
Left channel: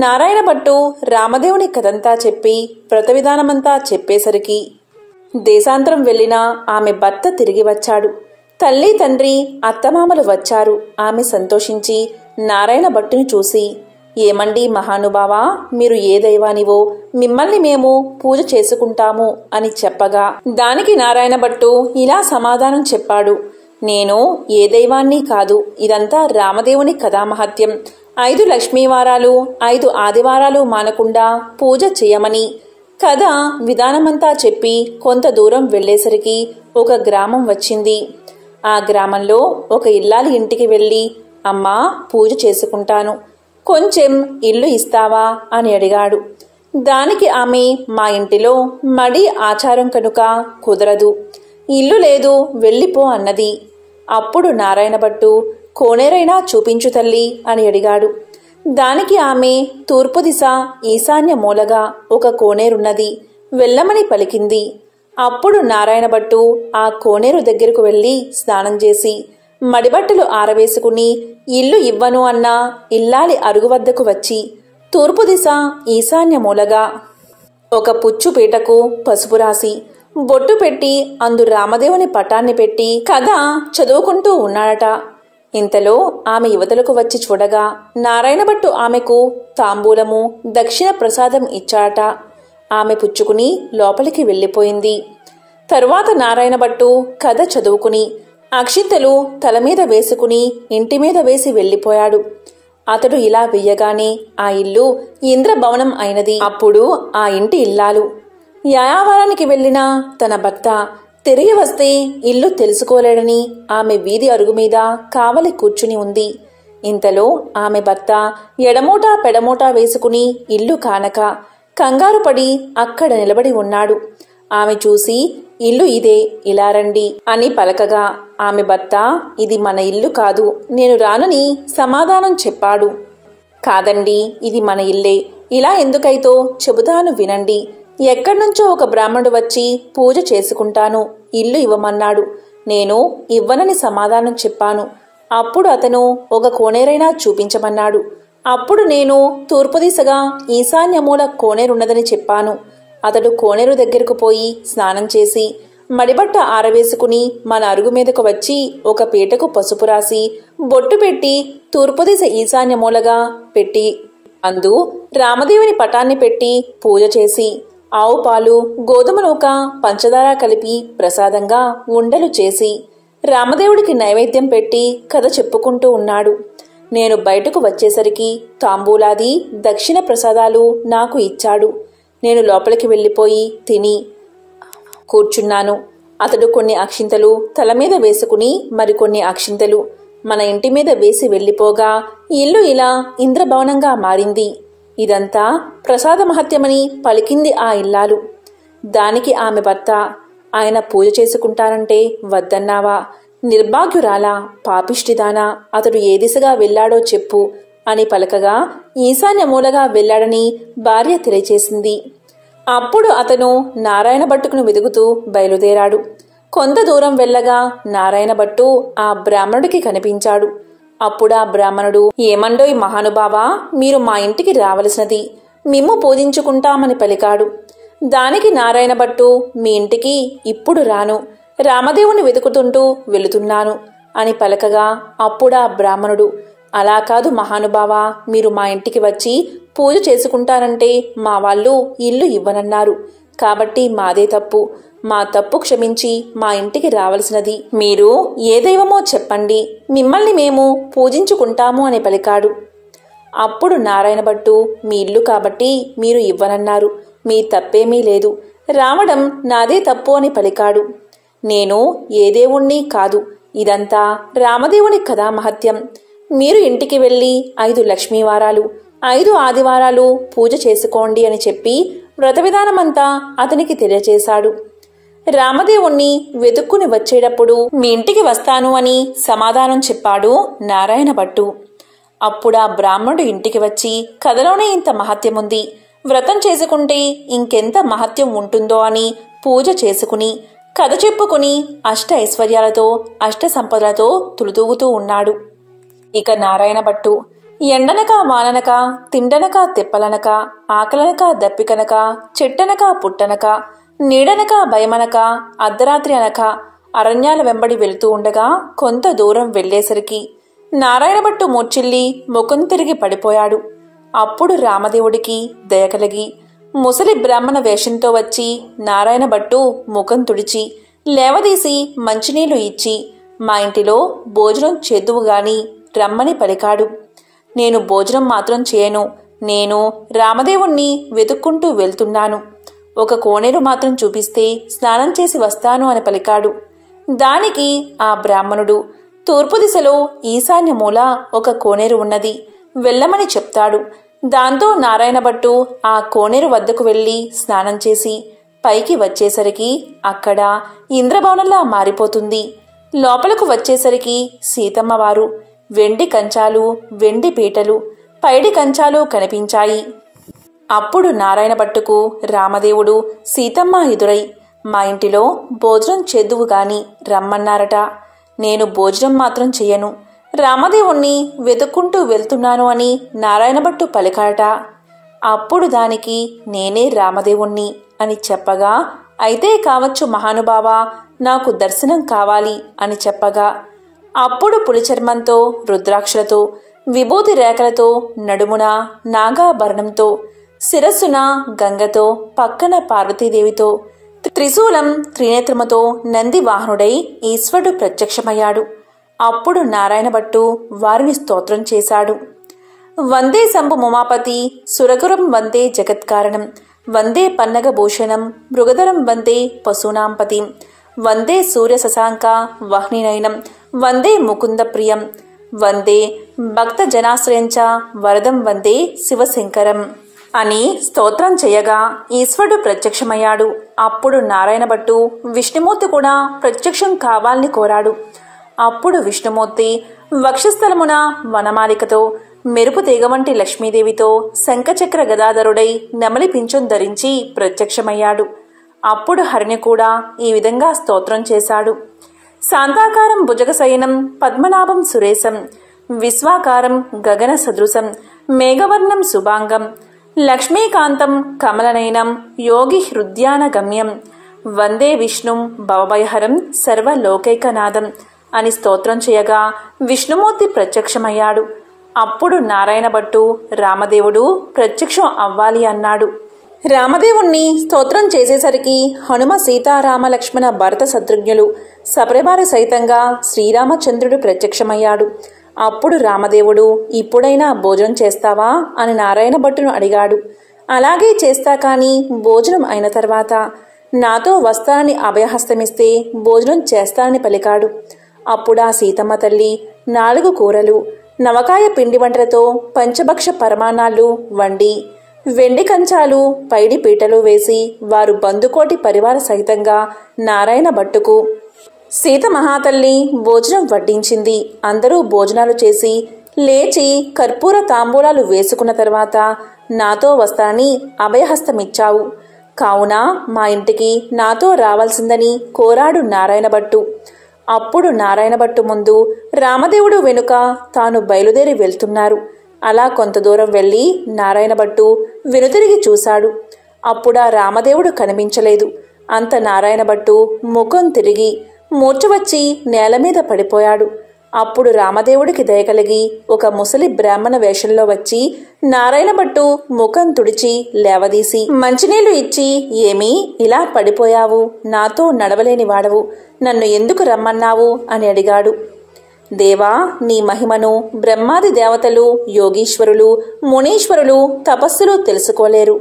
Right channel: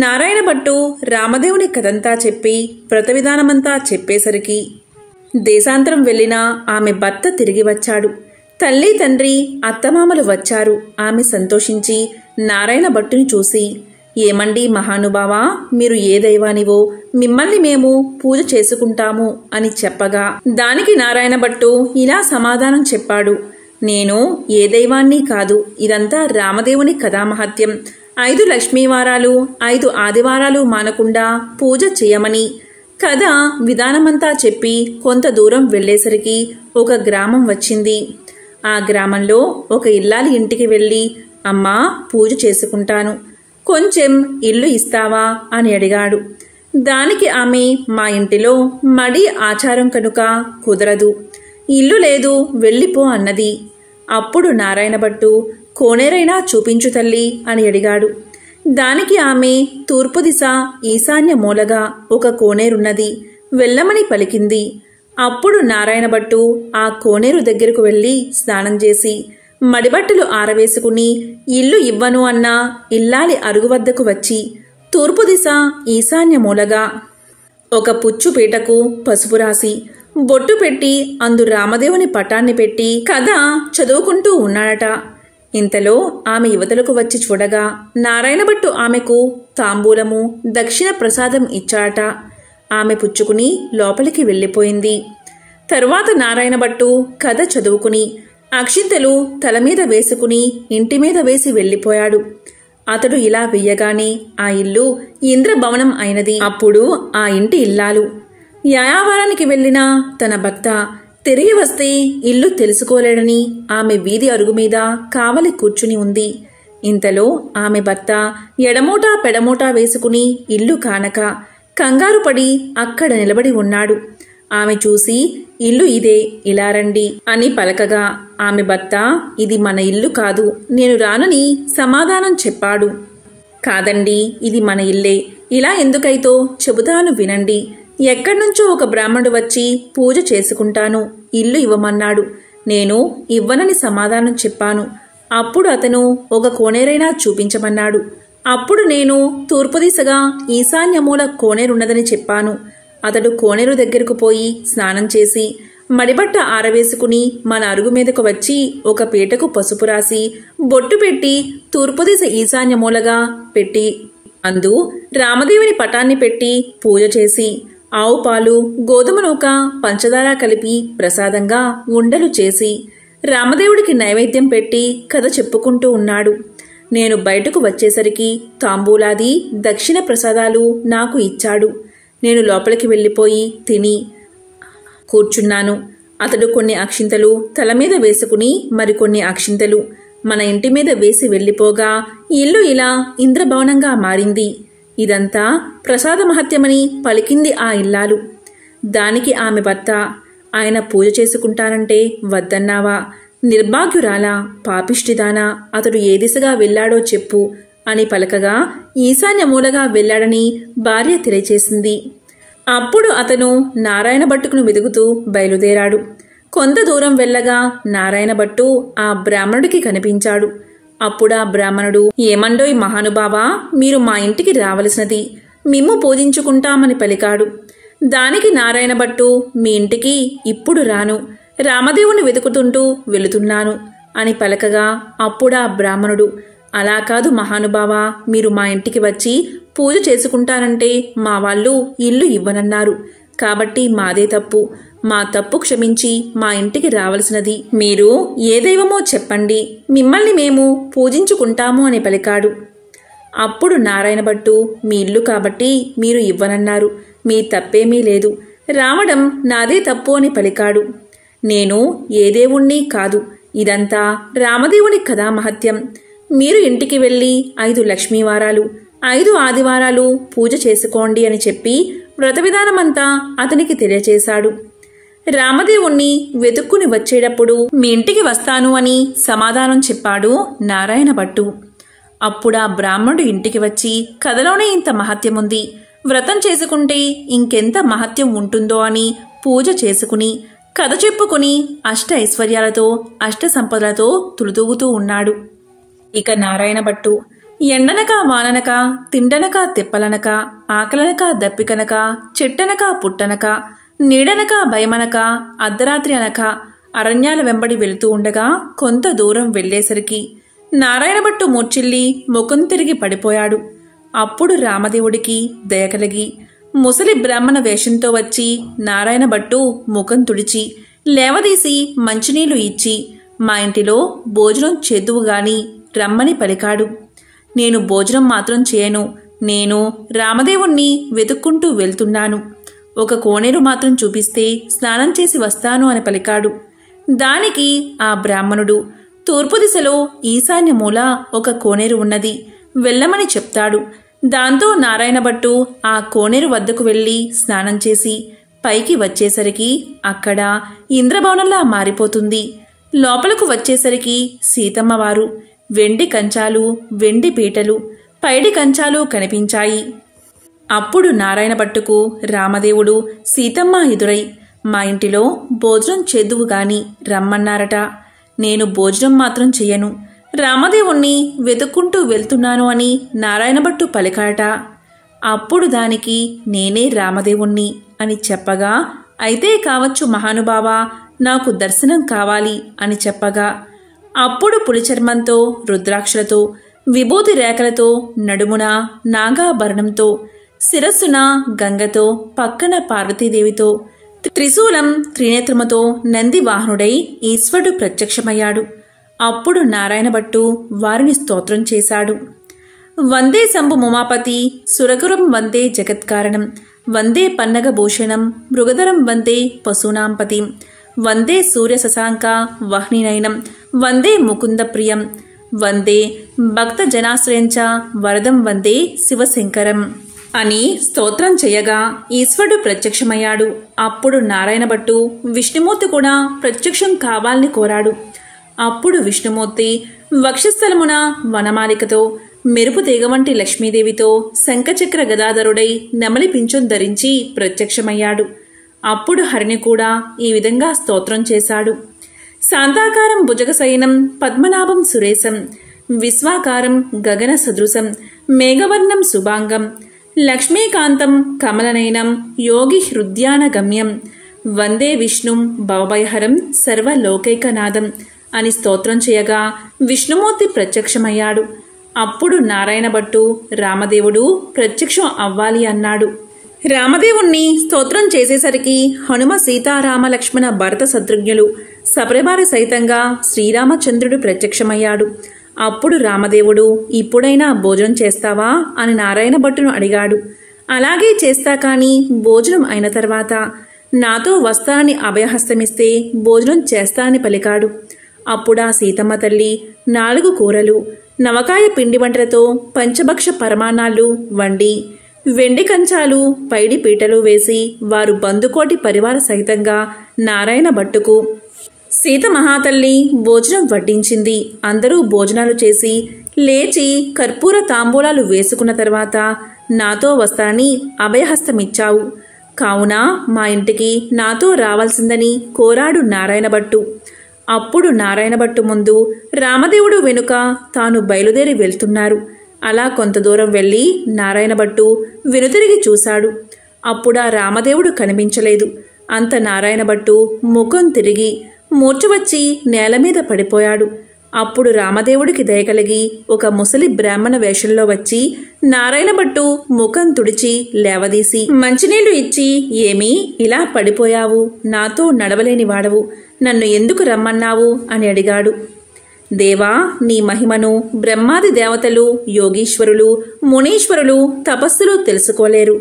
నారాయణభట్టు రామదేవుని కథంతా చెప్పి వ్రత విధానమంతా చెప్పేసరికి దేశాంతరం వెళ్లిన ఆమె భర్త తిరిగి వచ్చాడు. తల్లి తండ్రి అత్తమామలు వచ్చారు. ఆమె సంతోషించి నారాయణభట్టుని చూసి, ఏమండి మహానుభావా, మీరు ఏ దైవానివో, మిమ్మల్ని మేము పూజ చేసుకుంటాము అని చెప్పగా దానికి నారాయణభట్టు ఇలా సమాధానం చెప్పాడు. నేను ఏ దైవాన్ని కాదు, ఇదంతా రామదేవుని కథామహత్యం, 5 లక్ష్మీవారాలు 5 ఆదివారాలు మానకుండా పూజ చేయమని కథ విధానమంతా చెప్పి కొంత దూరం వెళ్లేసరికి ఒక గ్రామం వచ్చింది. ఆ గ్రామంలో ఒక ఇల్లాలి ఇంటికి వెళ్లి, అమ్మా పూజ చేసుకుంటాను, కొంచెం ఇల్లు ఇస్తావా అని అడిగాడు. దానికి ఆమె, మా ఇంటిలో మడి ఆచారం కనుక కుదరదు, ఇల్లు లేదు, వెళ్ళిపో అన్నది. అప్పుడు నారాయణభట్టు, కోనేరైనా చూపించు తల్లి అని అడిగాడు. దానికి ఆమె, తూర్పు దిశ ఈశాన్య మూలగా ఒక కోనేరున్నది, వెళ్ళమని పలికింది. అప్పుడు నారాయణభట్టు ఆ కోనేరు దగ్గరకు వెళ్లి స్నానం చేసి మడిబట్టలు ఆరవేసుకుని ఇల్లు ఇవ్వను అన్న ఇల్లాలి అరుగు వద్దకు వచ్చి తూర్పు దిశ ఈశాన్య మూలగా ఒక పుచ్చు పీటకు పసుపు రాసి బొట్టు పెట్టి అందు రామదేవుని పటాన్ని పెట్టి కథ చదువుకుంటూ ఉన్నాడట. ఇంతలో ఆమె యువతలకు వచ్చి చూడగా నారాయణభట్టు ఆమెకు తాంబూలము దక్షిణ ప్రసాదం ఇచ్చాడట. ఆమె పుచ్చుకుని లోపలికి వెళ్ళిపోయింది. తరువాత నారాయణభట్టు కథ చదువుకుని అక్షింతలు తలమీద వేసుకుని ఇంటిమీద వేసి వెళ్ళిపోయాడు. అతడు ఇలా వెయ్యగానే ఆ ఇల్లు ఇంద్రభవనం అయినది. అప్పుడు ఆ ఇంటి ఇల్లాలు యాయావారానికి వెళ్లిన తన భర్త తిరిగి వస్తే ఇల్లు తెలుసుకోలేడని ఆమె వీధి అరుగు మీద కావలి కూర్చుని ఉంది. ఇంతలో ఆమె భర్త ఎడమూటా పెడమూటా వేసుకుని ఇల్లు కానక కంగారు పడి అక్కడ నిలబడి ఉన్నాడు. ఆమె చూసి, ఇల్లు ఇదే, ఇలా రండి అని పలకగా ఆమె భర్త, ఇది మన ఇల్లు కాదు, నేను రానని సమాధానం చెప్పాడు. కాదండి, ఇది మన ఇల్లే, ఇలా ఎందుకైతో చెబుతాను వినండి. ఎక్కడ్నుంచో ఒక బ్రాహ్మణుడు వచ్చి పూజ చేసుకుంటాను, ఇల్లు ఇవ్వమన్నాడు. నేను ఇవ్వనని సమాధానం చెప్పాను. అప్పుడు అతను ఒక కోనేరైనా చూపించమన్నాడు. అప్పుడు నేను తూర్పు దిశగా ఈశాన్యమూల కోనేరున్నదని చెప్పాను. అతడు కోనేరు దగ్గరకు పోయి స్నానం చేసి మడిబట్ట ఆరవేసుకుని మన అరుగు మీదకు వచ్చి ఒక పీటకు పసుపు రాసి బొట్టు పెట్టి తూర్పు దిశ ఈశాన్యమూలగా పెట్టి అందు రామదేవుని పటాన్ని పెట్టి పూజ చేసి ఆవు పాలు గోధుమ నూక పంచదార కలిపి ప్రసాదంగా ఉండలు చేసి రామదేవుడికి నైవేద్యం పెట్టి కథ చెప్పుకుంటూ ఉన్నాడు. నేను బయటకు వచ్చేసరికి తాంబూలాది దక్షిణ ప్రసాదాలు నాకు ఇచ్చాడు. నేను లోపలికి వెళ్ళిపోయి తిని కూర్చున్నాను. అతడు కొన్ని అక్షింతలు తల మీద వేసుకుని మరికొన్ని అక్షింతలు మన ఇంటి మీద వేసి వెళ్ళిపోగా ఇల్లు ఇలా ఇంద్రభవనంగా మారింది. ఇదంతా ప్రసాద మహత్యమని పలికింది ఆ ఇల్లాలు. దానికి ఆమె భర్త, ఆయన పూజ చేసుకుంటానంటే వద్దన్నావా? నిర్భాగ్యురాలా, పాపిష్టిదానా, అతడు ఏ దిశగా వెళ్లాడో చెప్పు అని పలకగా ఈశాన్య మూలగా వెళ్లాడని భార్య తెలియచేసింది. అప్పుడు అతను నారాయణ భట్టుకును వెదుగుతూ బయలుదేరాడు. కొంత దూరం వెళ్ళగా నారాయణ భట్టు ఆ బ్రాహ్మణుడికి కనిపించాడు. అప్పుడా బ్రాహ్మణుడు, ఏమండోయ్ మహానుభావా, మీరు మా ఇంటికి రావలసినది, మిమ్ము పూజించుకుంటామని పలికాడు. దానికి నారాయణ భట్టు, మీ ఇంటికి ఇప్పుడు రాను, రామదేవుని వెతుకుతుంటూ వెళుతున్నాను అని పలకగా అప్పుడా బ్రాహ్మణుడు, అలా కాదు మహానుభావా, మీరు మా ఇంటికి వచ్చి పూజ చేసుకుంటానంటే మా వాళ్ళు ఇల్లు ఇవ్వనన్నారు. కాబట్టి మాదే తప్పు, మా తప్పు క్షమించి మా ఇంటికి రావలసినది. మీరు ఏ దైవమో చెప్పండి, మిమ్మల్ని మేము పూజించుకుంటాము అని పలికాడు. అప్పుడు నారాయణ భట్టు, మీ ఇల్లు కాబట్టి మీరు ఇవ్వనన్నారు, మీ తప్పేమీ లేదు, రావడం నాదే తప్పు అని పలికాడు. నేను ఏ దేవుణ్ణి కాదు, ఇదంతా రామదేవుని కథా మహత్యం. మీరు ఇంటికి వెళ్ళి 5 లక్ష్మీవారాలు 5 ఆదివారాలు పూజ చేసుకోండి అని చెప్పి వ్రత విధానమంతా అతనికి తెలియచేశాడు. రామదేవుణ్ణి వెతుక్కుని వచ్చేటప్పుడు మీ ఇంటికి వస్తాను అని సమాధానం చెప్పాడు నారాయణ భట్టు. అప్పుడా బ్రాహ్మణుడు ఇంటికి వచ్చి, కథలోనే ఇంత మహత్యముంది, వ్రతం చేసుకుంటే ఇంకెంత మహత్యం ఉంటుందో అని పూజ చేసుకుని కథ చెప్పుకుని అష్ట ఐశ్వర్యాలతో అష్ట సంపదలతో తులుతూగుతూ ఉన్నాడు. ఇక నారాయణ భట్టు ఎండనక వాననక తిండనక తెప్పలనక ఆకలనక దప్పికనక చెట్టనక పుట్టనక నీడనక భయమనక అర్ధరాత్రి అనక అరణ్యాల వెంబడి వెళుతూ ఉండగా కొంత దూరం వెళ్లేసరికి నారాయణ భట్టు మూర్చిల్లి ముఖం తిరిగి పడిపోయాడు. అప్పుడు రామదేవుడికి దయ కలిగి ముసలి బ్రాహ్మణ వేషంతో వచ్చి నారాయణ భట్టు ముఖం తుడిచి లేవదీసి మంచినీళ్లు ఇచ్చి మా ఇంటిలో భోజనం చేద్దువుగాని రమ్మని పలికాడు. నేను భోజనం మాత్రం చేయను, నేను రామదేవుణ్ణి వెతుక్కుంటూ వెళ్తున్నాను, ఒక కోనేరు మాత్రం చూపిస్తే స్నానం చేసి వస్తాను అని పలికాడు. దానికి ఆ బ్రాహ్మణుడు, తూర్పు దిశలో ఈశాన్య మూల ఒక కోనేరు ఉన్నది, వెళ్ళమని చెప్తాడు. దాంతో నారాయణ భట్టు ఆ కోనేరు వద్దకు వెళ్లి స్నానం చేసి పైకి వచ్చేసరికి అక్కడ ఇంద్రభవనంలా మారిపోతుంది. లోపలకు వచ్చేసరికి సీతమ్మవారు వెండి కంచాలు వెండి పీటలు పైడి కంచాలు కనిపించాయి. అప్పుడు నారాయణ భట్టుకు రామదేవుడు సీతమ్మ ఎదురై, మా ఇంటిలో భోజనం చేద్దువు గాని రమ్మన్నారట, నేను భోజనం మాత్రం చెయ్యను, రామదేవుణ్ణి వెతుక్కుంటూ వెళ్తున్నాను అని నారాయణ భట్టు పలికాట. అప్పుడు దానికి నేనే రామదేవుణ్ణి అని చెప్పగా, అయితే కావచ్చు మహానుభావా, నాకు దర్శనం కావాలి అని చెప్పగా అప్పుడు పులిచర్మంతో రుద్రాక్షలతో విభూతి రేఖలతో నడుమున నాగాభరణంతో శిరస్సున గంగతో పక్కన పార్వతీదేవితో త్రిశూలం త్రినేత్రముతో నంది వాహనుడై ఈశ్వరుడు ప్రత్యక్షమయ్యాడు. అప్పుడు నారాయణ భట్టు వారిని స్తోత్రం చేశాడు. వందే శంభు ముమాపతి సురగురం వందే జగత్కారణం వందే పన్నగభూషణం మృగధరం వందే పశూనాంపతిం వందే సూర్య శశాంక వహ్నినయనం వందే ముకుంద ప్రియం వందే భక్త జనాశ్రయంచ వరదం వందే శివశంకరం అని స్తోత్రం చేయగా ఈశ్వరుడు ప్రత్యక్షమయ్యాడు. అప్పుడు నారాయణ భట్టు విష్ణుమూర్తి కూడా ప్రత్యక్షం కావాలని కోరాడు. అప్పుడు విష్ణుమూర్తి వక్షస్థలమున వనమాలికతో మెరుపు తీగ వంటి లక్ష్మీదేవితో శంఖచక్ర గదాధరుడై నెమలి పింఛం ధరించి ప్రత్యక్షమయ్యాడు. అప్పుడు హరిని కూడా ఈ విధంగా స్తోత్రం చేశాడు. శాంతాకారం భుజగశయనం పద్మనాభం సురేశం విశ్వాకారం గగన సదృశం మేఘవర్ణం శుభాంగం లక్ష్మీకాంతం కమలనయనం యోగి హృద్యాన గమ్యం వందే విష్ణుం భవభయహరం సర్వలోకైకనాథం అని స్తోత్రం చేయగా విష్ణుమూర్తి ప్రత్యక్షమయ్యాడు. అప్పుడు నారాయణ భట్టు రామదేవుడు ప్రత్యక్షం అవ్వాలి అన్నాడు. రామదేవుణ్ణి స్తోత్రం చేసేసరికి హనుమ సీతారామ లక్ష్మణ భరత శత్రుఘ్నులు సపరివార సహితంగా శ్రీరామచంద్రుడు ప్రత్యక్షమయ్యాడు. అప్పుడు రామదేవుడు ఇప్పుడైనా భోజనం చేస్తావా అని నారాయణ భట్టును అడిగాడు. అలాగే చేస్తా, కానీ భోజనం అయిన తర్వాత నాతో వస్తానని అభయహస్తమిస్తే భోజనం చేస్తానని పలికాడు. అప్పుడా సీతమ్మ తల్లి 4 కూరలు, నవకాయ పిండి వంటలతో పంచభక్ష పరమాన్నాలు వండి, వెండి కంచాలు పైడి పీటలు వేసి వారు బందుకోటి పరివార సహితంగా నారాయణ భట్టుకు సీత మహాతల్లి భోజనం వడ్డించింది. అందరూ భోజనాలు చేసి లేచి కర్పూర తాంబూలాలు వేసుకున్న తర్వాత నాతో వస్తానని అభయహస్తమిచ్చావు కావున మా ఇంటికి నాతో రావాల్సిందని కోరాడు నారాయణ భట్టు. అప్పుడు నారాయణ భట్టు ముందు, రామదేవుడు వెనుక తాను బయలుదేరి వెళ్తున్నారు. అలా కొంత దూరం వెళ్ళి నారాయణ భట్టు వెనుతిరిగి చూశాడు. అప్పుడా రామదేవుడు కనిపించలేదు. అంత నారాయణ భట్టు ముఖం తిరిగి మూర్ఛ వచ్చి నేల మీద పడిపోయాడు. అప్పుడు రామదేవుడికి దయకలిగి ఒక ముసలి బ్రాహ్మణ వేషంలో వచ్చి నారాయణ భట్టు ముఖం తుడిచి లేవదీసి మంచినీళ్లు ఇచ్చి, ఏమీ ఇలా పడిపోయావు? నాతో నడవలేని వాడవు, నన్ను ఎందుకు రమ్మన్నావు అని అడిగాడు. దేవా, నీ మహిమను బ్రహ్మాది దేవతలు, యోగీశ్వరులు, మునీశ్వరులు తపస్సులు తెలుసుకోలేరు.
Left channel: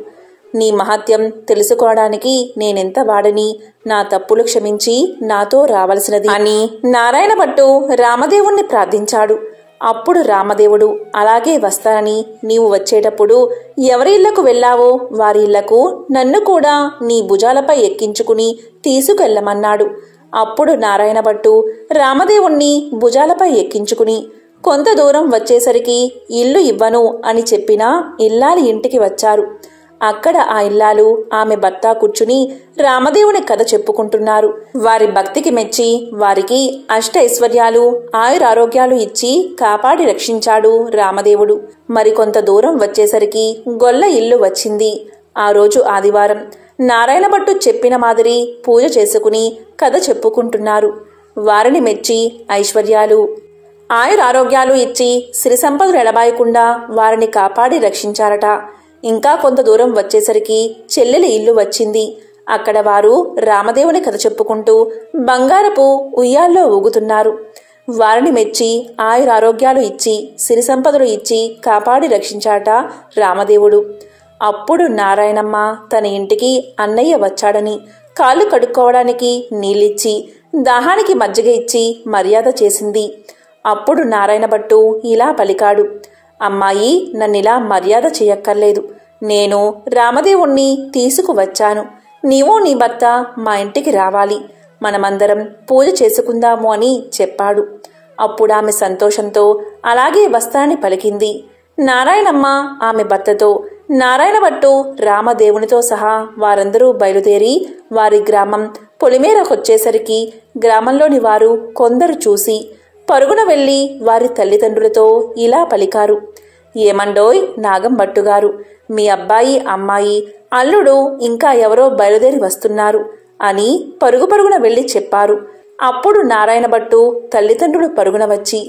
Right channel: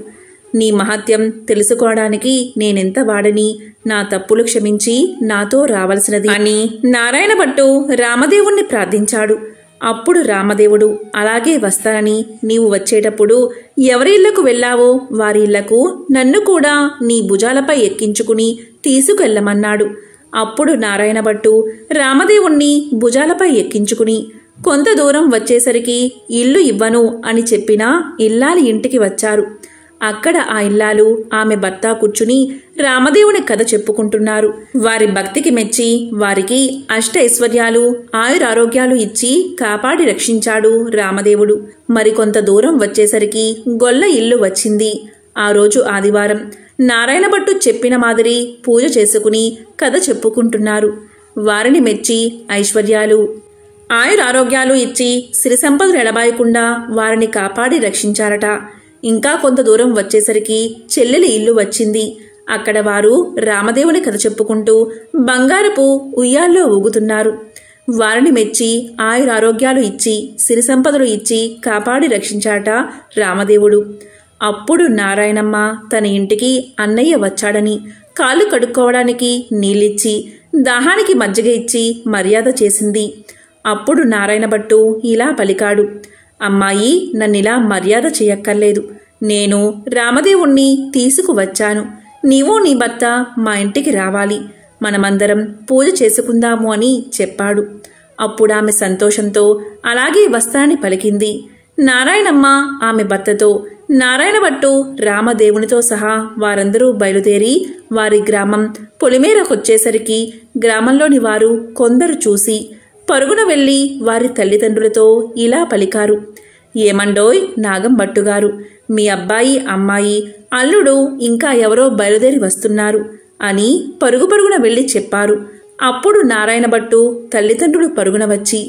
నీ మహత్యం తెలుసుకోవడానికి నేనెంత వాడని, నా తప్పులు క్షమించి నాతో రావలసినది అని నారాయణ భట్టు రామదేవుణ్ణి ప్రార్థించాడు. అప్పుడు రామదేవుడు, అలాగే వస్తానని, నీవు వచ్చేటప్పుడు ఎవరి ఇళ్లకు వెళ్ళావో వారి ఇళ్లకు నన్ను కూడా నీ భుజాలపై ఎక్కించుకుని తీసుకెళ్లమన్నాడు. అప్పుడు నారాయణ భట్టు రామదేవుణ్ణి భుజాలపై ఎక్కించుకుని కొంత దూరం వచ్చేసరికి ఇల్లు ఇవ్వను అని చెప్పినా ఇల్లాలి ఇంటికి వచ్చారు. అక్కడ ఆ ఇల్లాలు ఆమె భర్త కూర్చుని రామదేవుని కథ చెప్పుకుంటున్నారు. వారి భక్తికి మెచ్చి వారికి అష్టైశ్వర్యాలు, ఆయురారోగ్యాలు ఇచ్చి కాపాడి రక్షించాడు రామదేవుడు. మరికొంత దూరం వచ్చేసరికి గొల్ల ఇల్లు వచ్చింది. ఆ రోజు ఆదివారం. నారాయణ భట్టు చెప్పిన మాదిరి పూజ చేసుకుని కథ చెప్పుకుంటున్నారు. వారిని మెచ్చి ఐశ్వర్యాలు, ఆయురారోగ్యాలు ఇచ్చి సిరి సంపదలు ఎడబాయకుండా వారిని కాపాడి రక్షించారట. ఇంకా కొంత దూరం వచ్చేసరికి చెల్లెలి ఇల్లు వచ్చింది. అక్కడ వారు రామదేవుని కథ చెప్పుకుంటూ బంగారపు ఉయ్యాల్లో ఊగుతున్నారు. వారిని మెచ్చి ఆయురారోగ్యాలు ఇచ్చి సిరి సంపదలు ఇచ్చి కాపాడి రక్షించాట రామదేవుడు. అప్పుడు నారాయణమ్మ తన ఇంటికి అన్నయ్య వచ్చాడని కాళ్ళు కడుక్కోవడానికి నీళ్ళిచ్చి దాహానికి మజ్జిగ ఇచ్చి మర్యాద చేసింది. అప్పుడు నారాయణ భట్టు ఇలా పలికాడు, అమ్మాయి, నన్నిలా మర్యాద చేయక్కర్లేదు. నేను రామదేవుణ్ణి తీసుకువచ్చాను. నీవు నీ భర్త మా ఇంటికి రావాలి. మనమందరం పూజ చేసుకుందాము అని చెప్పాడు. అప్పుడామె సంతోషంతో అలాగే వస్తానని పలికింది. నారాయణమ్మ ఆమె భర్తతో, నారాయణ భట్టు రామదేవునితో సహా వారందరూ బయలుదేరి వారి గ్రామం పొలిమేరకొచ్చేసరికి గ్రామంలోని వారు కొందరు చూసి పరుగున వెళ్లి వారి తల్లిదండ్రులతో ఇలా పలికారు, ఏమండోయ్ నాగం భట్టుగారు, మీ అబ్బాయి, అమ్మాయి, అల్లుడు ఇంకా ఎవరో బయలుదేరి వస్తున్నారు అని పరుగున వెళ్లి చెప్పారు. అప్పుడు నారాయణ భట్టు తల్లిదండ్రులు పరుగున వచ్చి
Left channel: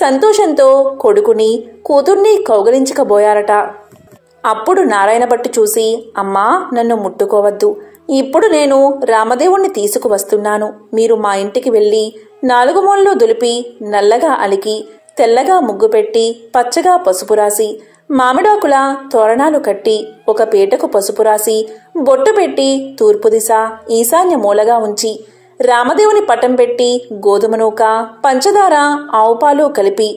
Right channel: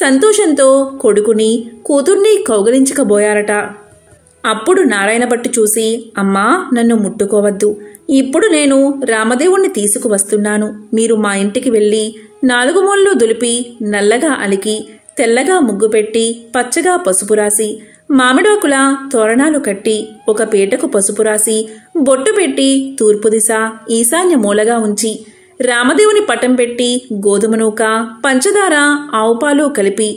సంతోషంతో కొడుకుని కూతుర్ని కౌగలించకబోయారట. అప్పుడు నారాయణ భట్టు చూసి, అమ్మా, నన్ను ముట్టుకోవద్దు. ఇప్పుడు నేను రామదేవుణ్ణి తీసుకువస్తున్నాను. మీరు మా ఇంటికి వెళ్ళి 4 మూలలు దులిపి నల్లగా అలికి తెల్లగా ముగ్గు పెట్టి పచ్చగా పసుపు రాసి మామిడాకుల తోరణాలు కట్టి ఒక పీటకు పసుపు రాసి బొట్టు పెట్టి తూర్పు దిశ ఈశాన్య మూలగా ఉంచి రామదేవుని పటం పెట్టి గోధుమ నూక, పంచదార, ఆవుపాలు కలిపి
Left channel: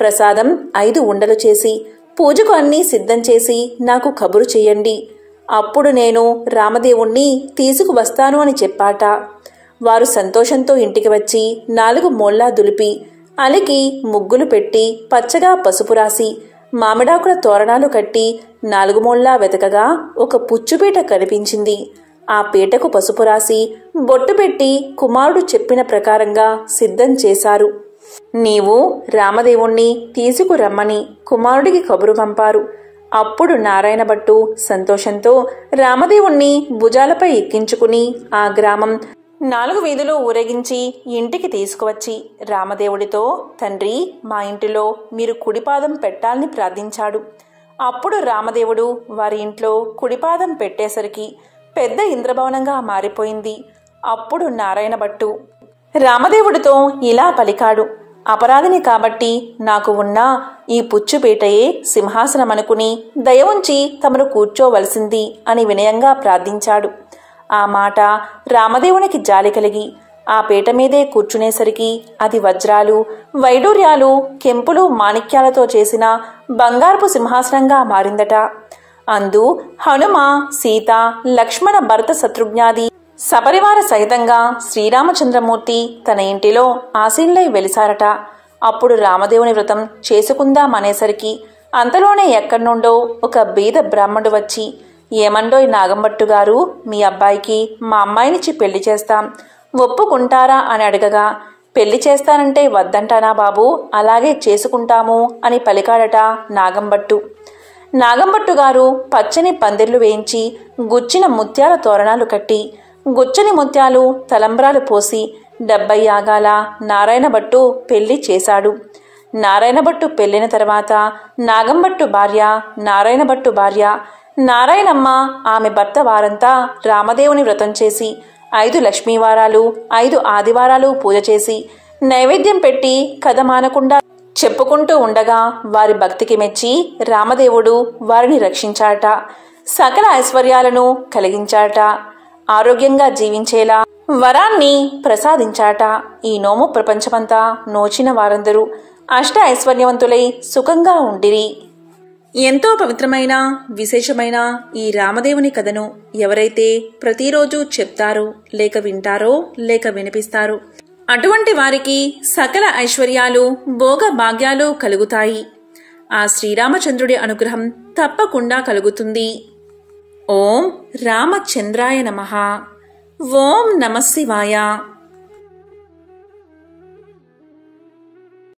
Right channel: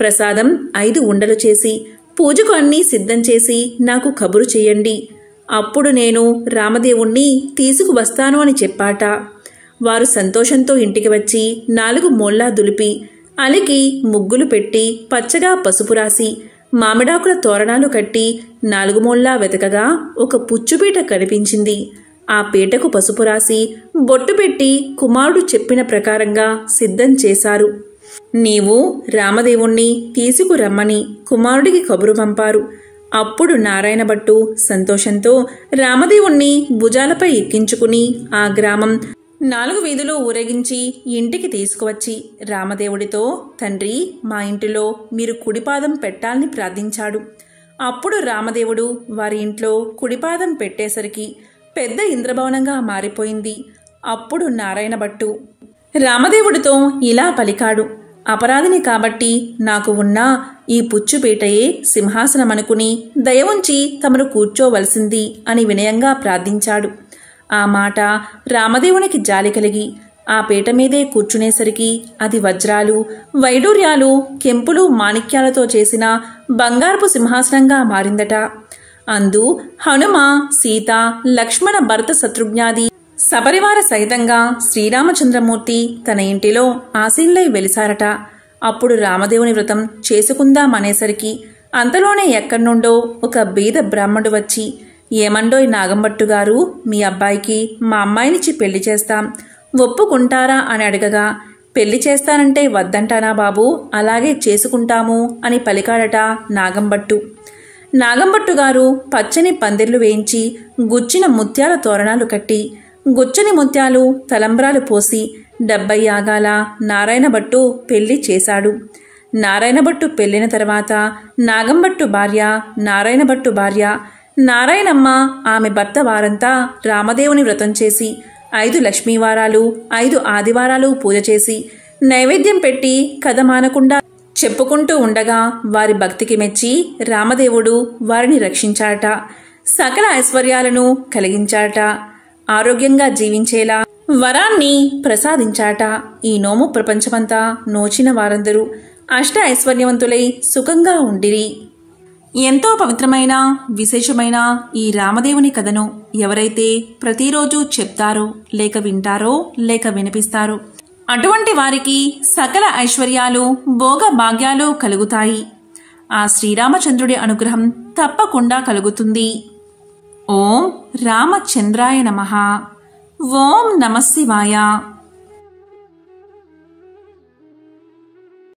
ప్రసాదం 5 ఉండలు చేసి పూజకు అన్నీ సిద్ధం చేసి నాకు కబురు చేయండి. అప్పుడు నేను రామదేవుణ్ణి తీసుకువస్తాను అని చెప్పాట. వారు సంతోషంతో ఇంటికి వచ్చి 4 మూల్లా దులిపి అలికి ముగ్గులు పెట్టి పచ్చగా పసుపు రాసి మామిడాకుల తోరణాలు కట్టి 4 మూల్లా వెతకగా ఒక పుచ్చుపీట కనిపించింది. ఆ పీటకు పసుపు రాసి బొట్టు పెట్టి కుమారుడు చెప్పిన ప్రకారంగా సిద్ధం చేశారు. నీవు రామదేవుణ్ణి తీసుకురమ్మని కుమారుడికి కబురు పంపారు. అప్పుడు నారాయణ భట్టు సంతోషంతో రామదేవుణ్ణి భుజాలపై ఎక్కించుకుని ఆ గ్రామం 4 వీధులు ఊరేగించి ఇంటికి తీసుకువచ్చి రామదేవుడితో, తండ్రి, మా ఇంటిలో మీరు కుడిపాదం పెట్టాలని ప్రార్థించాడు. అప్పుడు రామదేవుడు వారి ఇంట్లో కుడిపాదం పెట్టేసరికి పెద్ద ఇంద్రభవనంగా మారిపోయింది. అప్పుడు నారాయణ భట్టు రామదేవుడితో ఇలా పలికాడు, అపరాధిని కాబట్టి నాకు ఉన్న ఈ పుచ్చుపీటయే సింహాసనమనుకుని దయ ఉంచి తమను కూర్చోవలసింది అని వినయంగా ప్రార్థించాడు. ఆ మాట రామదేవునికి జాలి కలిగి ఆ పీట మీదే కూర్చునేసరికి అది వజ్రాలు, వైడూర్యాలు, కెంపులు, మాణిక్యాలతో చేసిన బంగారపు సింహాసనంగా మారిందట. అందు హనుమ, సీత, లక్ష్మణ, భరత, శత్రుఘ్నాది సపరివార సహితంగా శ్రీరామచంద్రమూర్తి తన ఇంటిలో ఆసీనులై వెలిసారట. అప్పుడు రామదేవుని వ్రతం చేసుకుందామనేసరికి అంతలోనే ఎక్కడ్నుండో ఒక బీద బ్రాహ్మణుడు వచ్చి, ఏమండోయ్ నాగంభట్టు గారు, మీ అబ్బాయికి మా అమ్మాయినిచ్చి పెళ్లి చేస్తాం, ఒప్పుకుంటారా అని అడగగా, పెళ్లి చేస్తానంటే వద్దంటానా బాబు, అలాగే చేసుకుంటాము అని పలికాడట నాగంభట్టు. నాగంభట్టు గారు పచ్చని పందిర్లు వేయించి గుచ్చిన ముత్యాల తోరణాలు కట్టి గుచ్చని ముత్యాలు తలంబ్రాలు పోసి 70 యాగాల నారాయణభట్టు పెళ్లి చేశాడు. నారాయణభట్టు పెళ్లిన తర్వాత నాగంభట్టు భార్య, నారాయణభట్టు భార్య నారాయణమ్మ, ఆమె భర్త వారంతా రామదేవుని వ్రతం చేసి 5 లక్ష్మీవారాలు, 5 ఆదివారాలు పూజ చేసి నైవేద్యం పెట్టి కథ మానకుండా చెప్పుకుంటూ ఉండగా వారి భక్తికి మెచ్చి రామదేవుడు వారిని రక్షించాట, సకల ఐశ్వర్యాలను కలిగించాట, ఆరోగ్యంగా జీవించేలా వరాన్ని ప్రసాదించాట. ఈ నోము ప్రపంచమంతా నోచిన వారందరూ అష్ట ఐశ్వర్యవంతులై సుఖంగా ఉండిరి. ఎంతో పవిత్రమైన విశేషమైన ఈ రామదేవుని కథను ఎవరైతే ప్రతిరోజు చెప్తారో, లేక వింటారో, లేక వినిపిస్తారో అటువంటి వారికి సకల ఐశ్వర్యాలు, భోగ భాగ్యాలు కలుగుతాయి. ఆ శ్రీరామచంద్రుడి అనుగ్రహం తప్పకుండా కలుగుతుంది. ఓం రామచంద్రాయ నమః. ఓం నమః శివాయ.